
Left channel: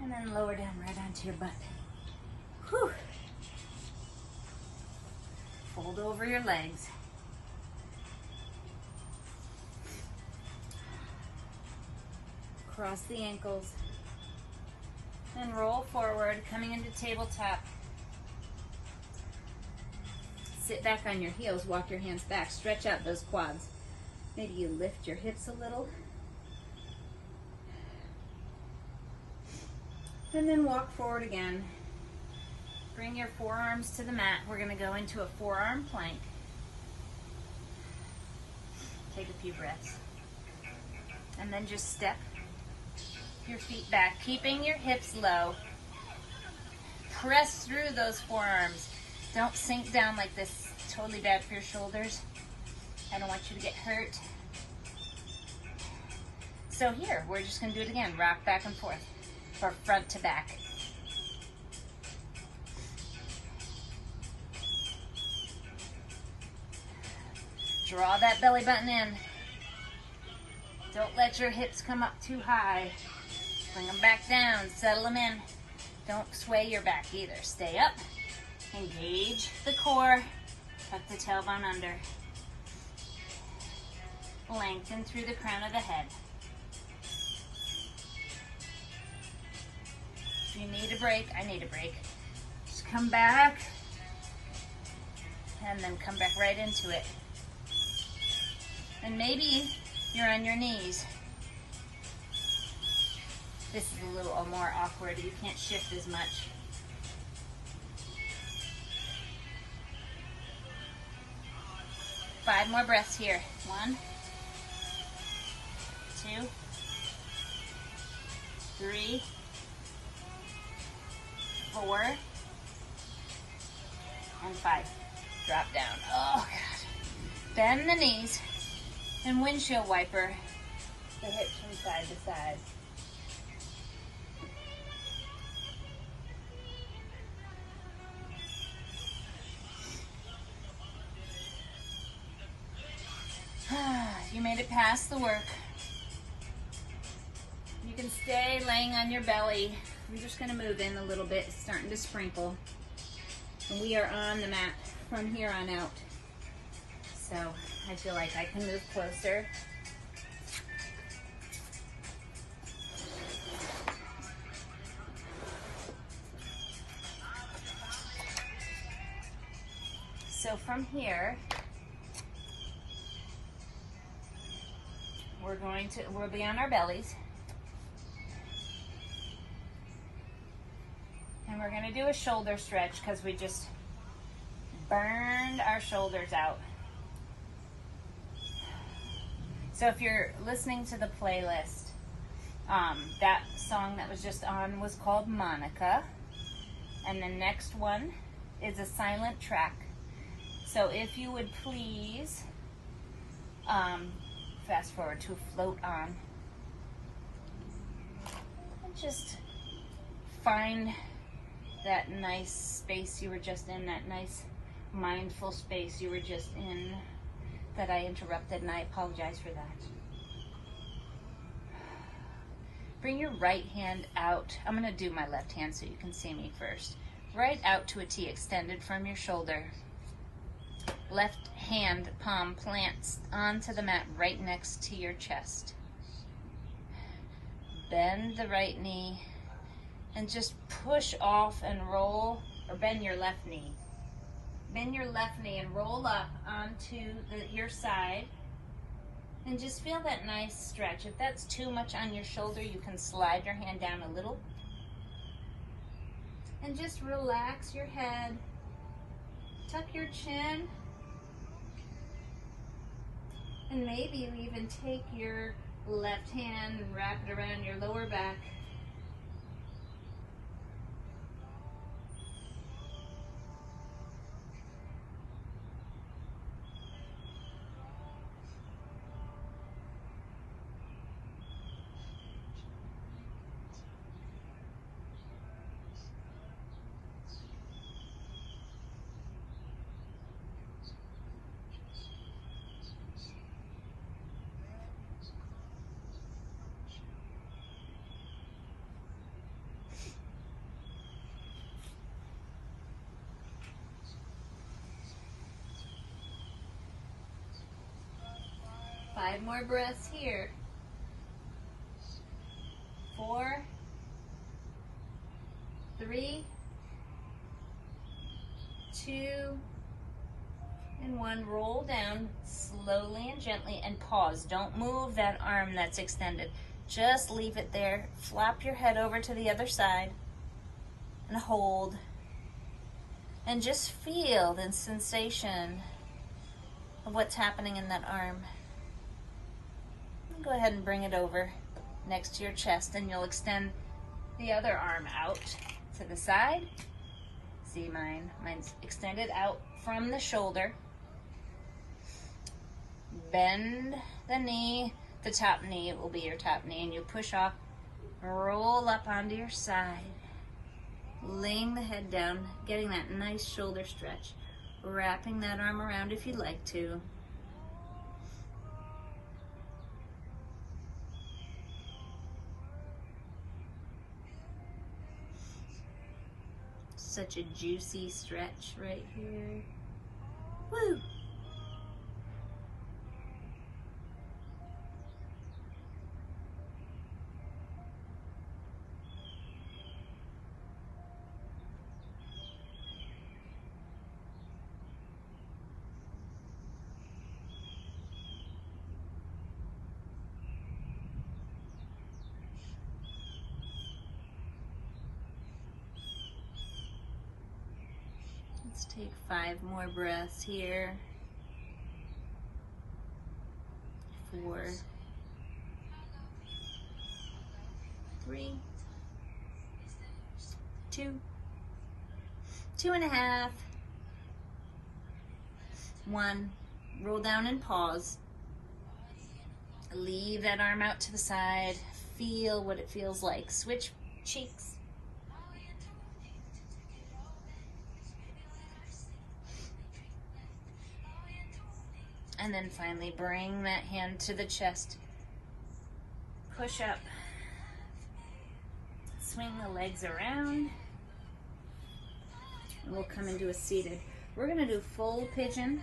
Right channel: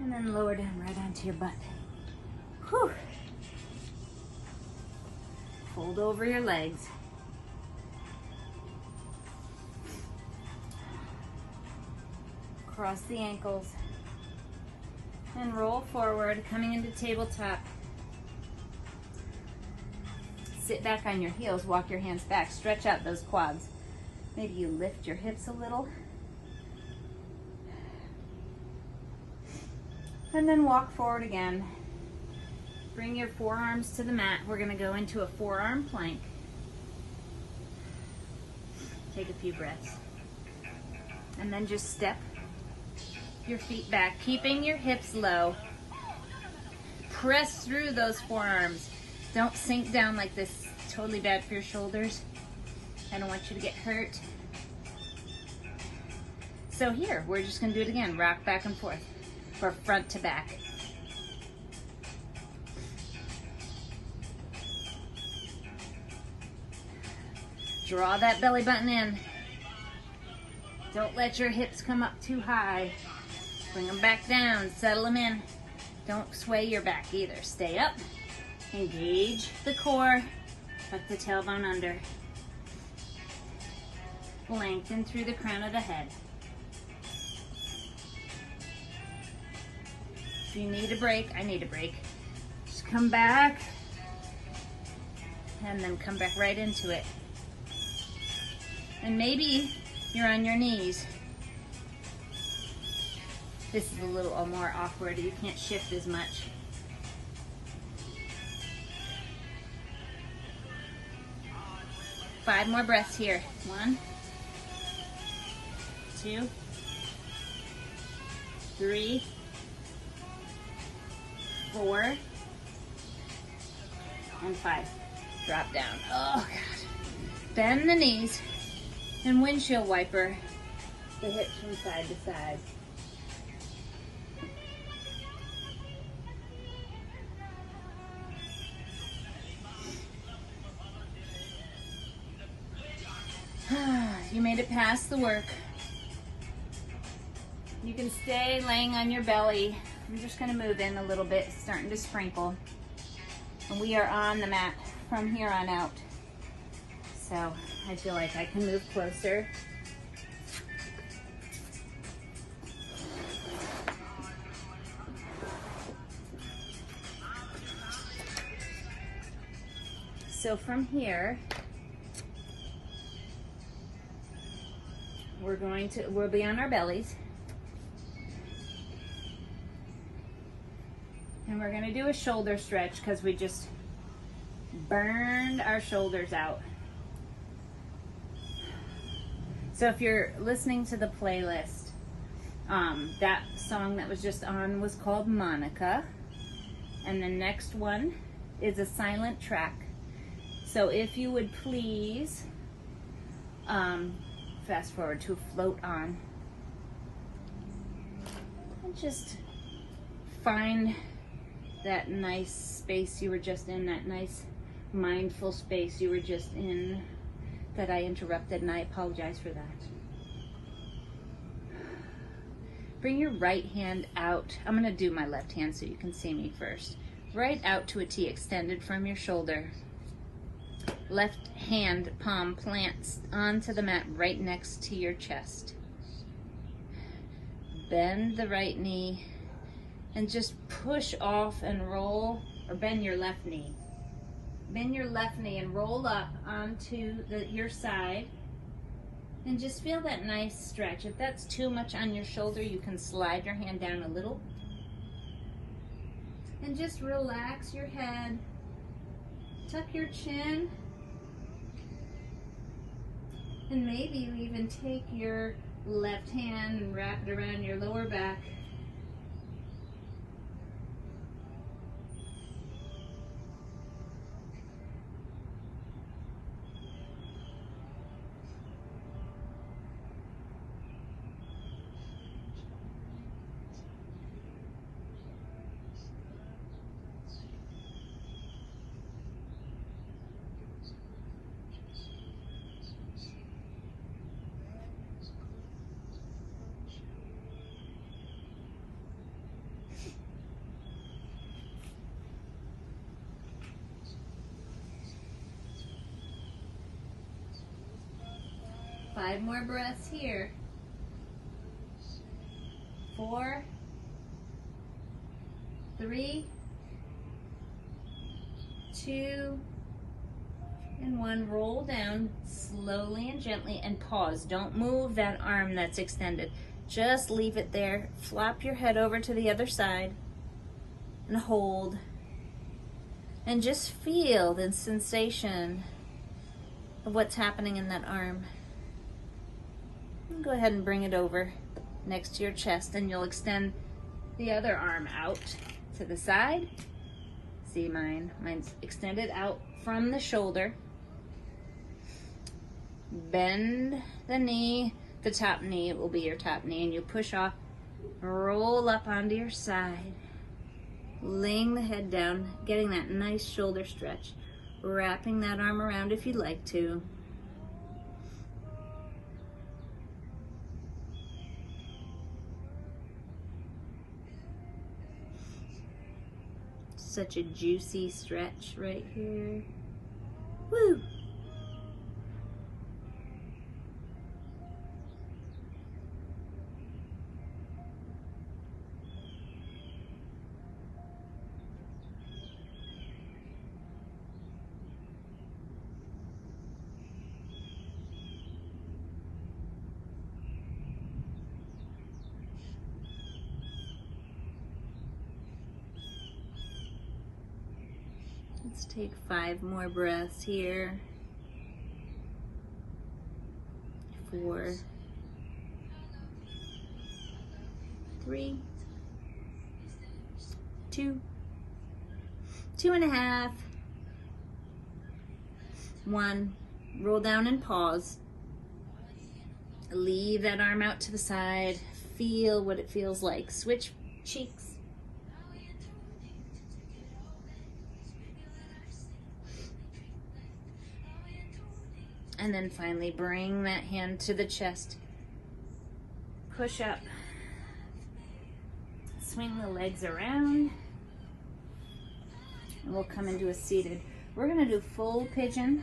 And then lower down right onto your butt. Whew. Fold over your legs. Cross the ankles. And roll forward, coming into tabletop. sit back on your heels, walk your hands back, stretch out those quads. Maybe you lift your hips a little. And then walk forward again. Bring your forearms to the mat. We're going to go into a forearm plank. Take a few breaths. And then just step your feet back, keeping your hips low. Press through those forearms. Don't sink down like this. Totally bad for your shoulders. I don't want you to get hurt. So here, we're just going to do it again. Rock back and forth, or front to back. Draw that belly button in. Don't let your hips come up too high. Bring them back down, settle them in. Don't sway your back either. Stay up, engage the core, tuck the tailbone under. Lengthen through the crown of the head. If you need a break, I need a break. Just come back, and then come back right into it. And maybe you're on your knees. This is a little more awkward. You can't shift as much. Five more breaths here. 1, 2, 3, 4, and 5. Drop down. Oh, God. Bend the knees and windshield wiper the hips from side to side. You made it past the work. You can stay laying on your belly. I'm just going to move in a little bit. It's starting to sprinkle. And we are on the mat from here on out. So I feel like I can move closer. So from here, we'll be on our bellies. And we're gonna do a shoulder stretch because we just burned our shoulders out. So if you're listening to the playlist, that song that was just on was called Monica. And the next one is a silent track. So if you would please fast forward to Float On. And just find that nice space you were just in, that nice mindful space you were just in that I interrupted, and I apologize for that. Bring your right hand out. I'm going to do my left hand so you can see me first. Right out to a T, extended from your shoulder. Left hand palm plants onto the mat right next to your chest. Bend the right knee and just push off and roll, or bend your left knee. Bend your left knee and roll up onto your side. And just feel that nice stretch. If that's too much on your shoulder, you can slide your hand down a little. And just relax your head. Tuck your chin. And maybe you even take your left hand and wrap it around your lower back. Five more breaths here. 4, 3, 2, And one, roll down slowly and gently and pause. Don't move that arm that's extended. Just leave it there. Flop your head over to the other side and hold. And just feel the sensation of what's happening in that arm. And go ahead and bring it over next to your chest, and you'll extend the other arm out to the side. See mine? Mine's extended out from the shoulder. Bend the knee. The top knee will be your top knee, and you push off, roll up onto your side, laying the head down, getting that nice shoulder stretch, wrapping that arm around if you'd like to. Such a juicy stretch right here. Woo! Let's take 5 more breaths here. 4, 3, 2, 2.5, 1. Roll down and pause. Leave that arm out to the side. Feel what it feels like. Switch cheeks. And then finally bring that hand to the chest. Push up. Swing the legs around. And we'll come into a seated. We're going to do full pigeon,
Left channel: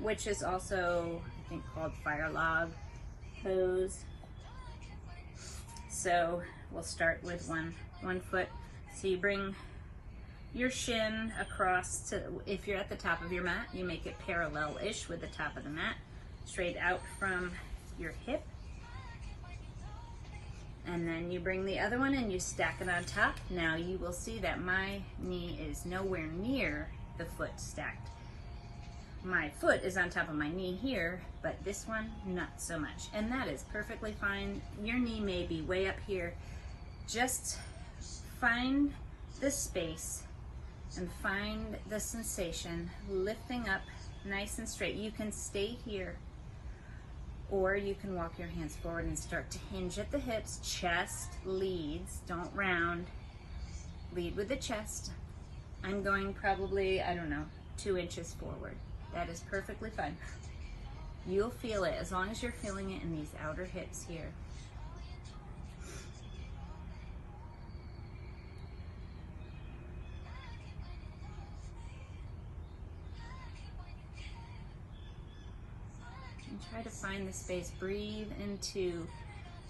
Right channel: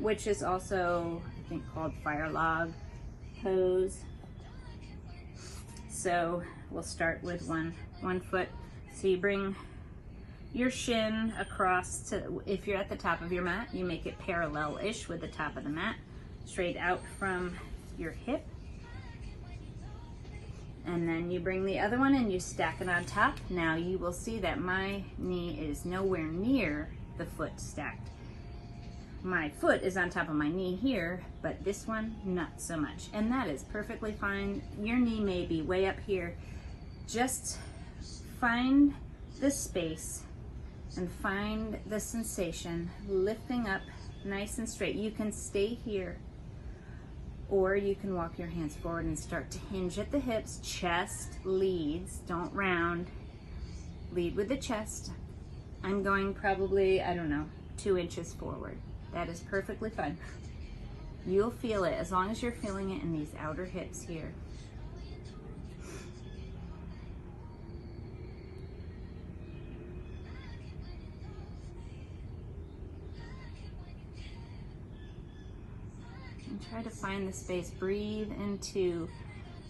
which is also, I think, called fire log pose. So we'll start with one foot. So you bring your shin across to, if you're at the top of your mat, you make it parallel-ish with the top of the mat, straight out from your hip. And then you bring the other one and you stack it on top. Now you will see that my knee is nowhere near the foot stacked. My foot is on top of my knee here, but this one, not so much. And that is perfectly fine. Your knee may be way up here. Just find the space and find the sensation, lifting up nice and straight. You can stay here, or you can walk your hands forward and start to hinge at the hips. Chest leads, don't round. Lead with the chest. I'm going probably, I don't know, 2 inches forward. That is perfectly fine. You'll feel it as long as you're feeling it in these outer hips here. And try to find the space. Breathe into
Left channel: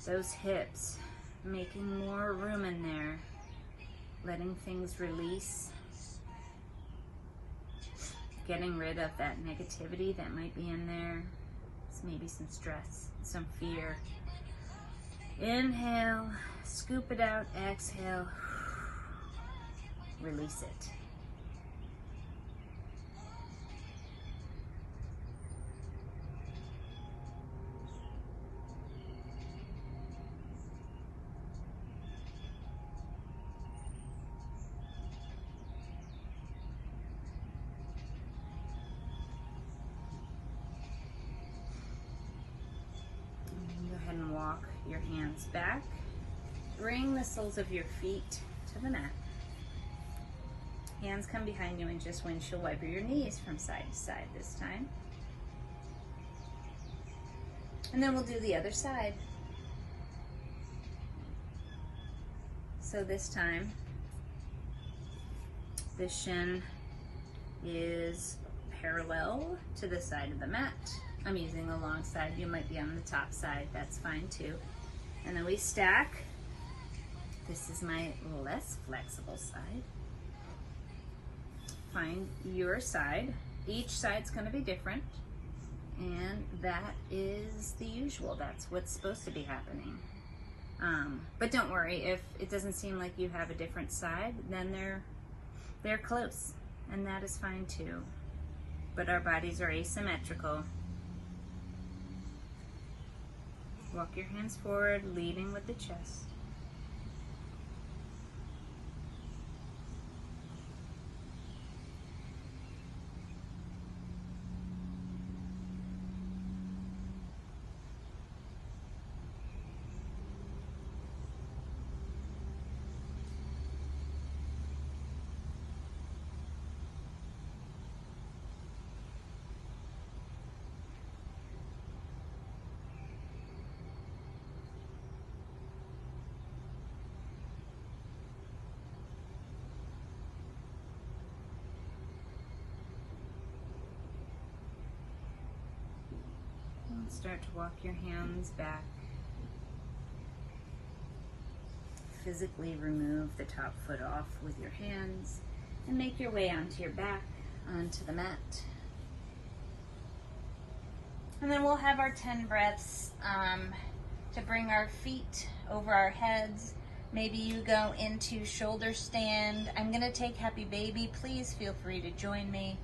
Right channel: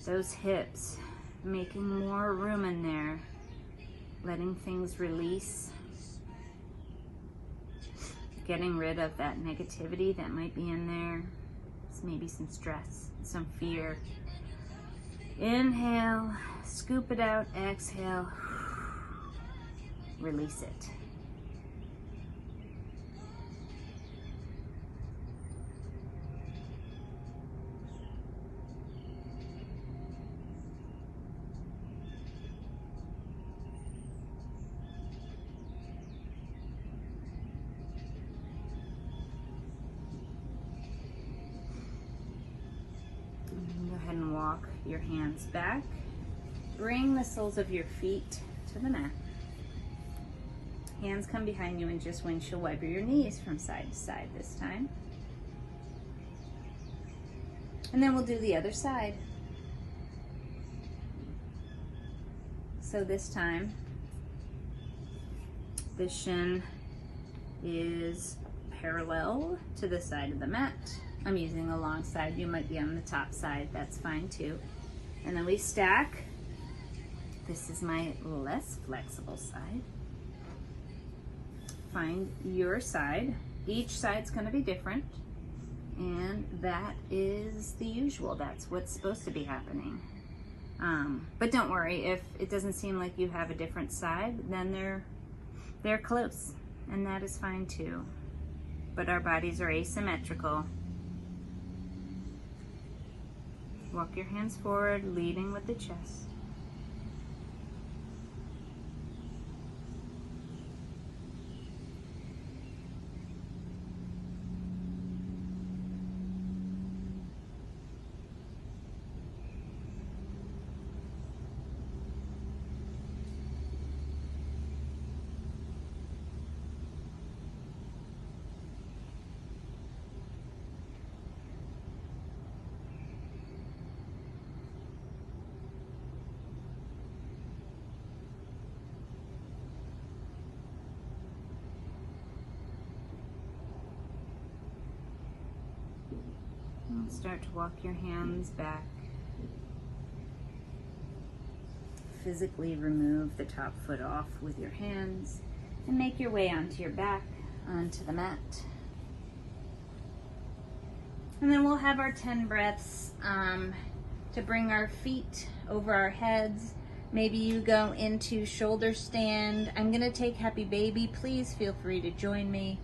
those hips, making more room in there, letting things release, getting rid of that negativity that might be in there. Maybe some stress, some fear. Inhale, scoop it out, exhale, release it. Go ahead and walk your hands back. Bring the soles of your feet to the mat. Hands come behind you, and just windshield wiper your knees from side to side this time. And then we'll do the other side. So this time, the shin is parallel to the side of the mat. I'm using the long side. You might be on the top side. That's fine too. And then we stack. This is my less flexible side. Find your side. each side's going to be different, and that is the usual. That's what's supposed to be happening. But don't worry, if it doesn't seem like you have a different side, then they're close, and that is fine too. But our bodies are asymmetrical. Walk your hands forward, leading with the chest. And start to walk your hands back. Physically remove the top foot off with your hands and make your way onto your back, onto the mat. And then we'll have our 10 breaths to bring our feet over our heads. Maybe you go into shoulder stand. I'm gonna take happy baby. Please feel free to join me.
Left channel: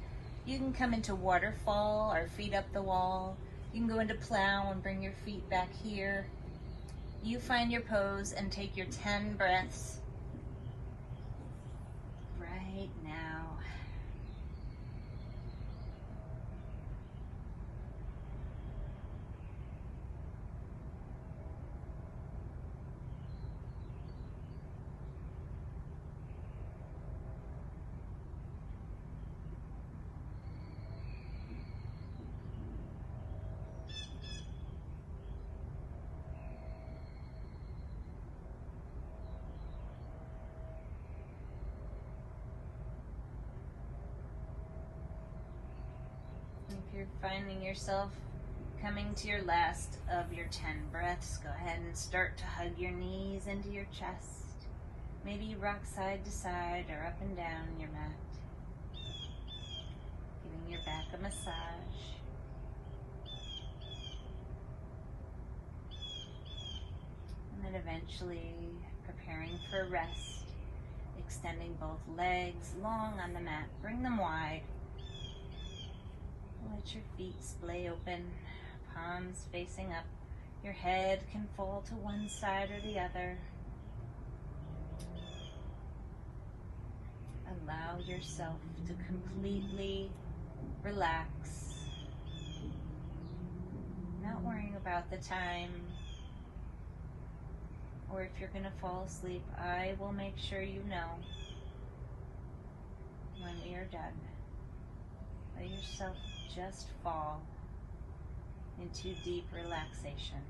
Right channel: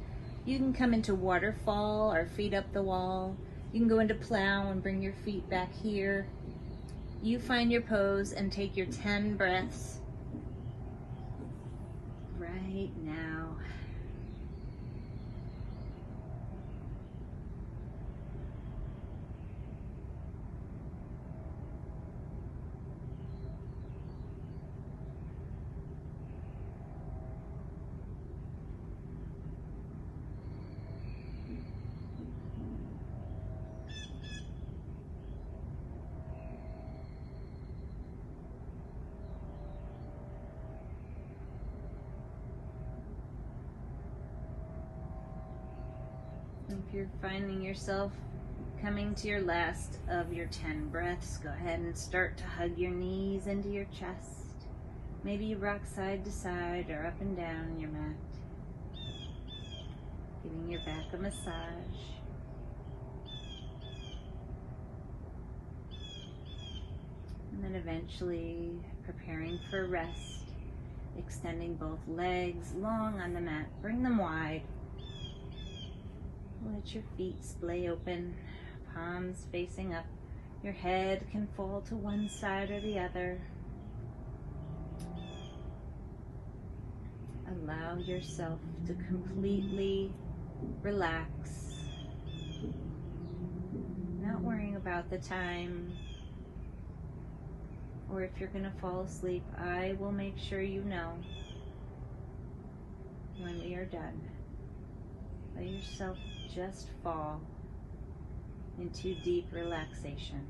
You can come into waterfall or feet up the wall. You can go into plow and bring your feet back here. You find your pose and take your 10 breaths right now. If you're finding yourself coming to your last of your 10 breaths, go ahead and start to hug your knees into your chest. Maybe you rock side to side or up and down your mat, giving your back a massage. And then eventually preparing for rest, extending both legs long on the mat. Bring them wide. Let your feet splay open, palms facing up. Your head can fall to one side or the other. Allow yourself to completely relax. Not worrying about the time, or if you're going to fall asleep. I will make sure you know when we are done. Let yourself just fall into deep relaxation.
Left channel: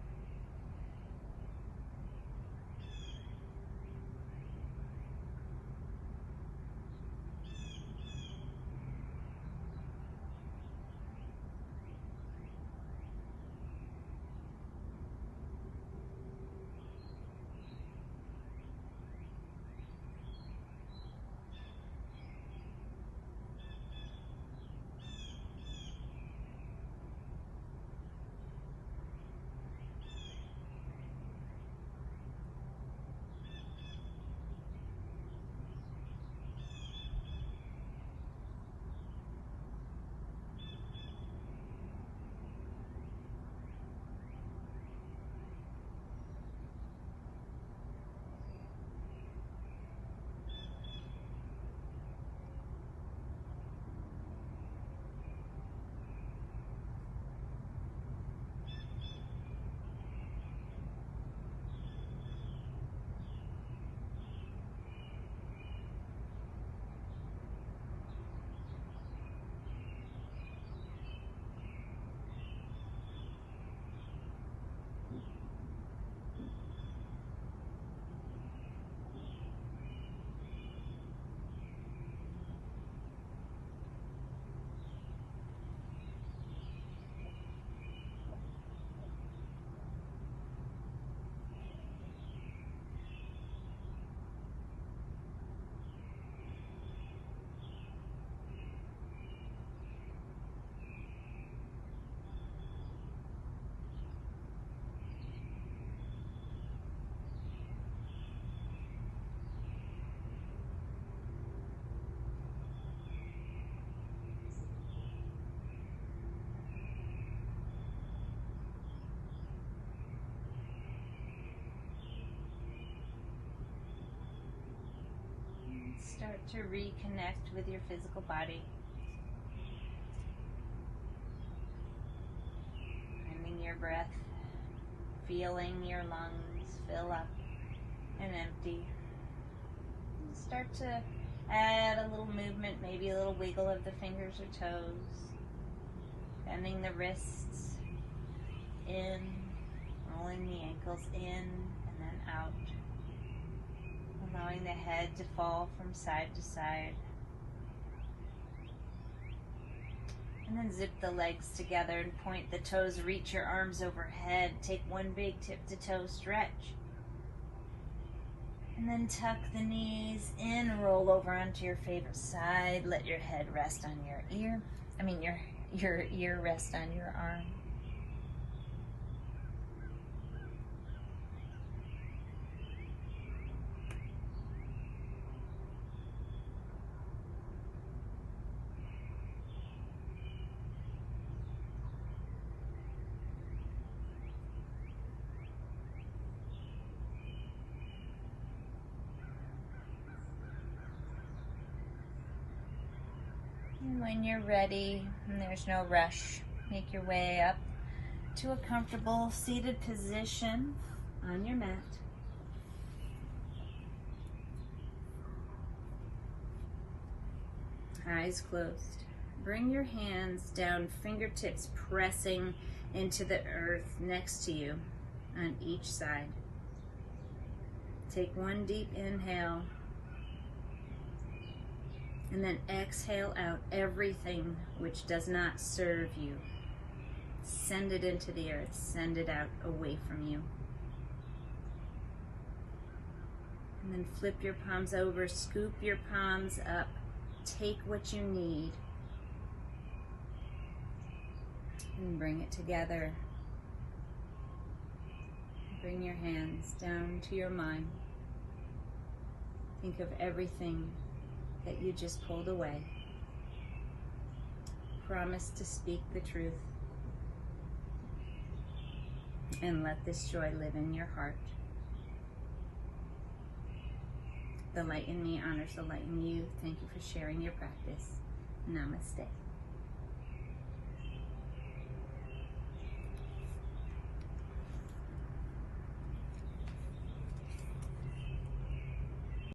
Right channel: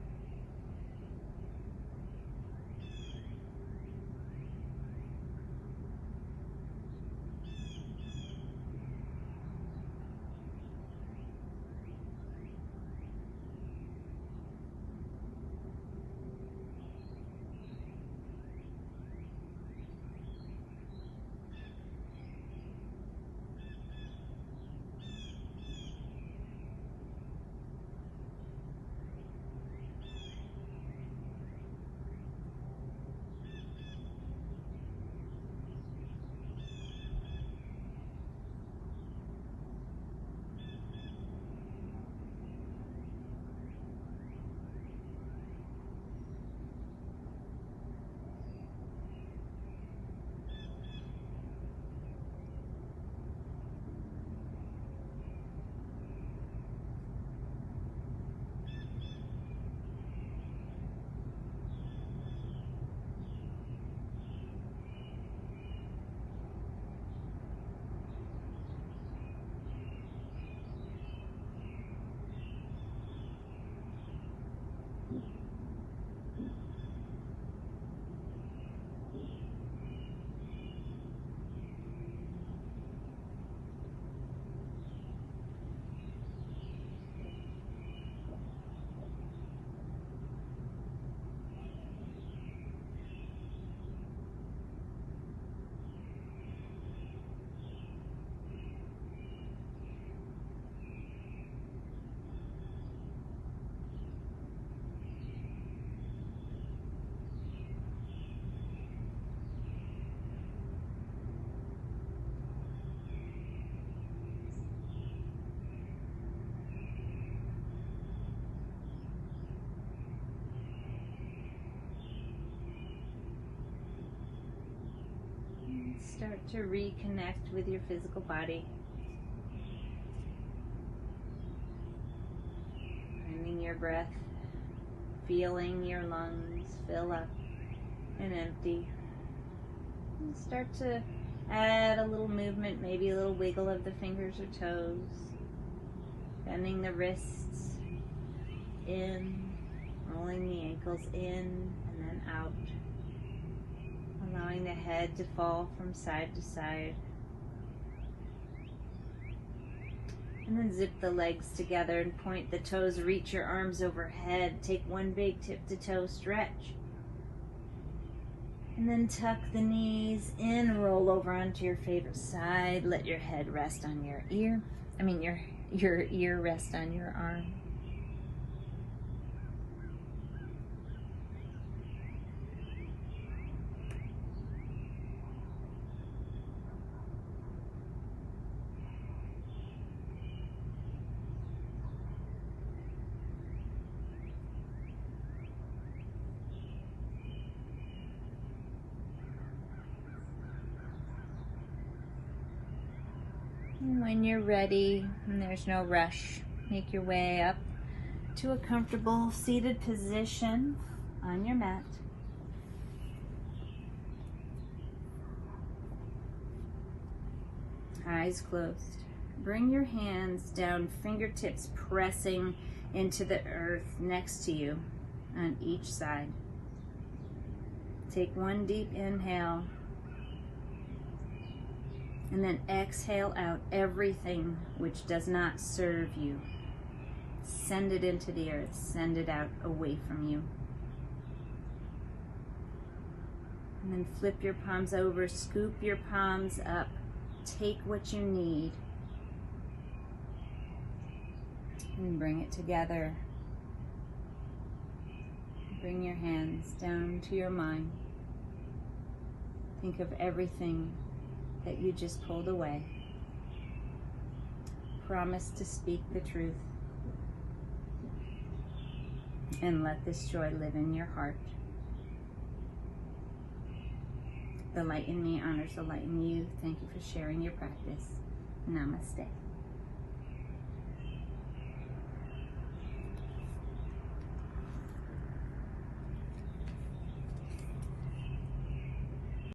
Start to reconnect with your physical body. Finding your breath, feeling your lungs fill up and empty. And start to add a little movement, maybe a little wiggle of the fingers or toes. Bending the wrists in, rolling the ankles in and then out. Allowing the head to fall from side to side. And then zip the legs together and point the toes, reach your arms overhead. Take one big tip to toe stretch. And then tuck the knees in, roll over onto your favorite side. Let your head rest on your ear. Your ear rest on your arm. And when you're ready, and there's no rush, make your way up to a comfortable seated position on your mat. Eyes closed. Bring your hands down, fingertips pressing into the earth next to you on each side. Take one deep inhale. And then exhale out everything which does not serve you. Send it into the earth. Send it out away from you. And then flip your palms over. Scoop your palms up. Take what you need. And bring it together. Bring your hands down to your mind. Think of everything that you just pulled away. Promise to speak the truth. And let this joy live in your heart. The light in me honors the light in you. Thank you for sharing your practice. Namaste.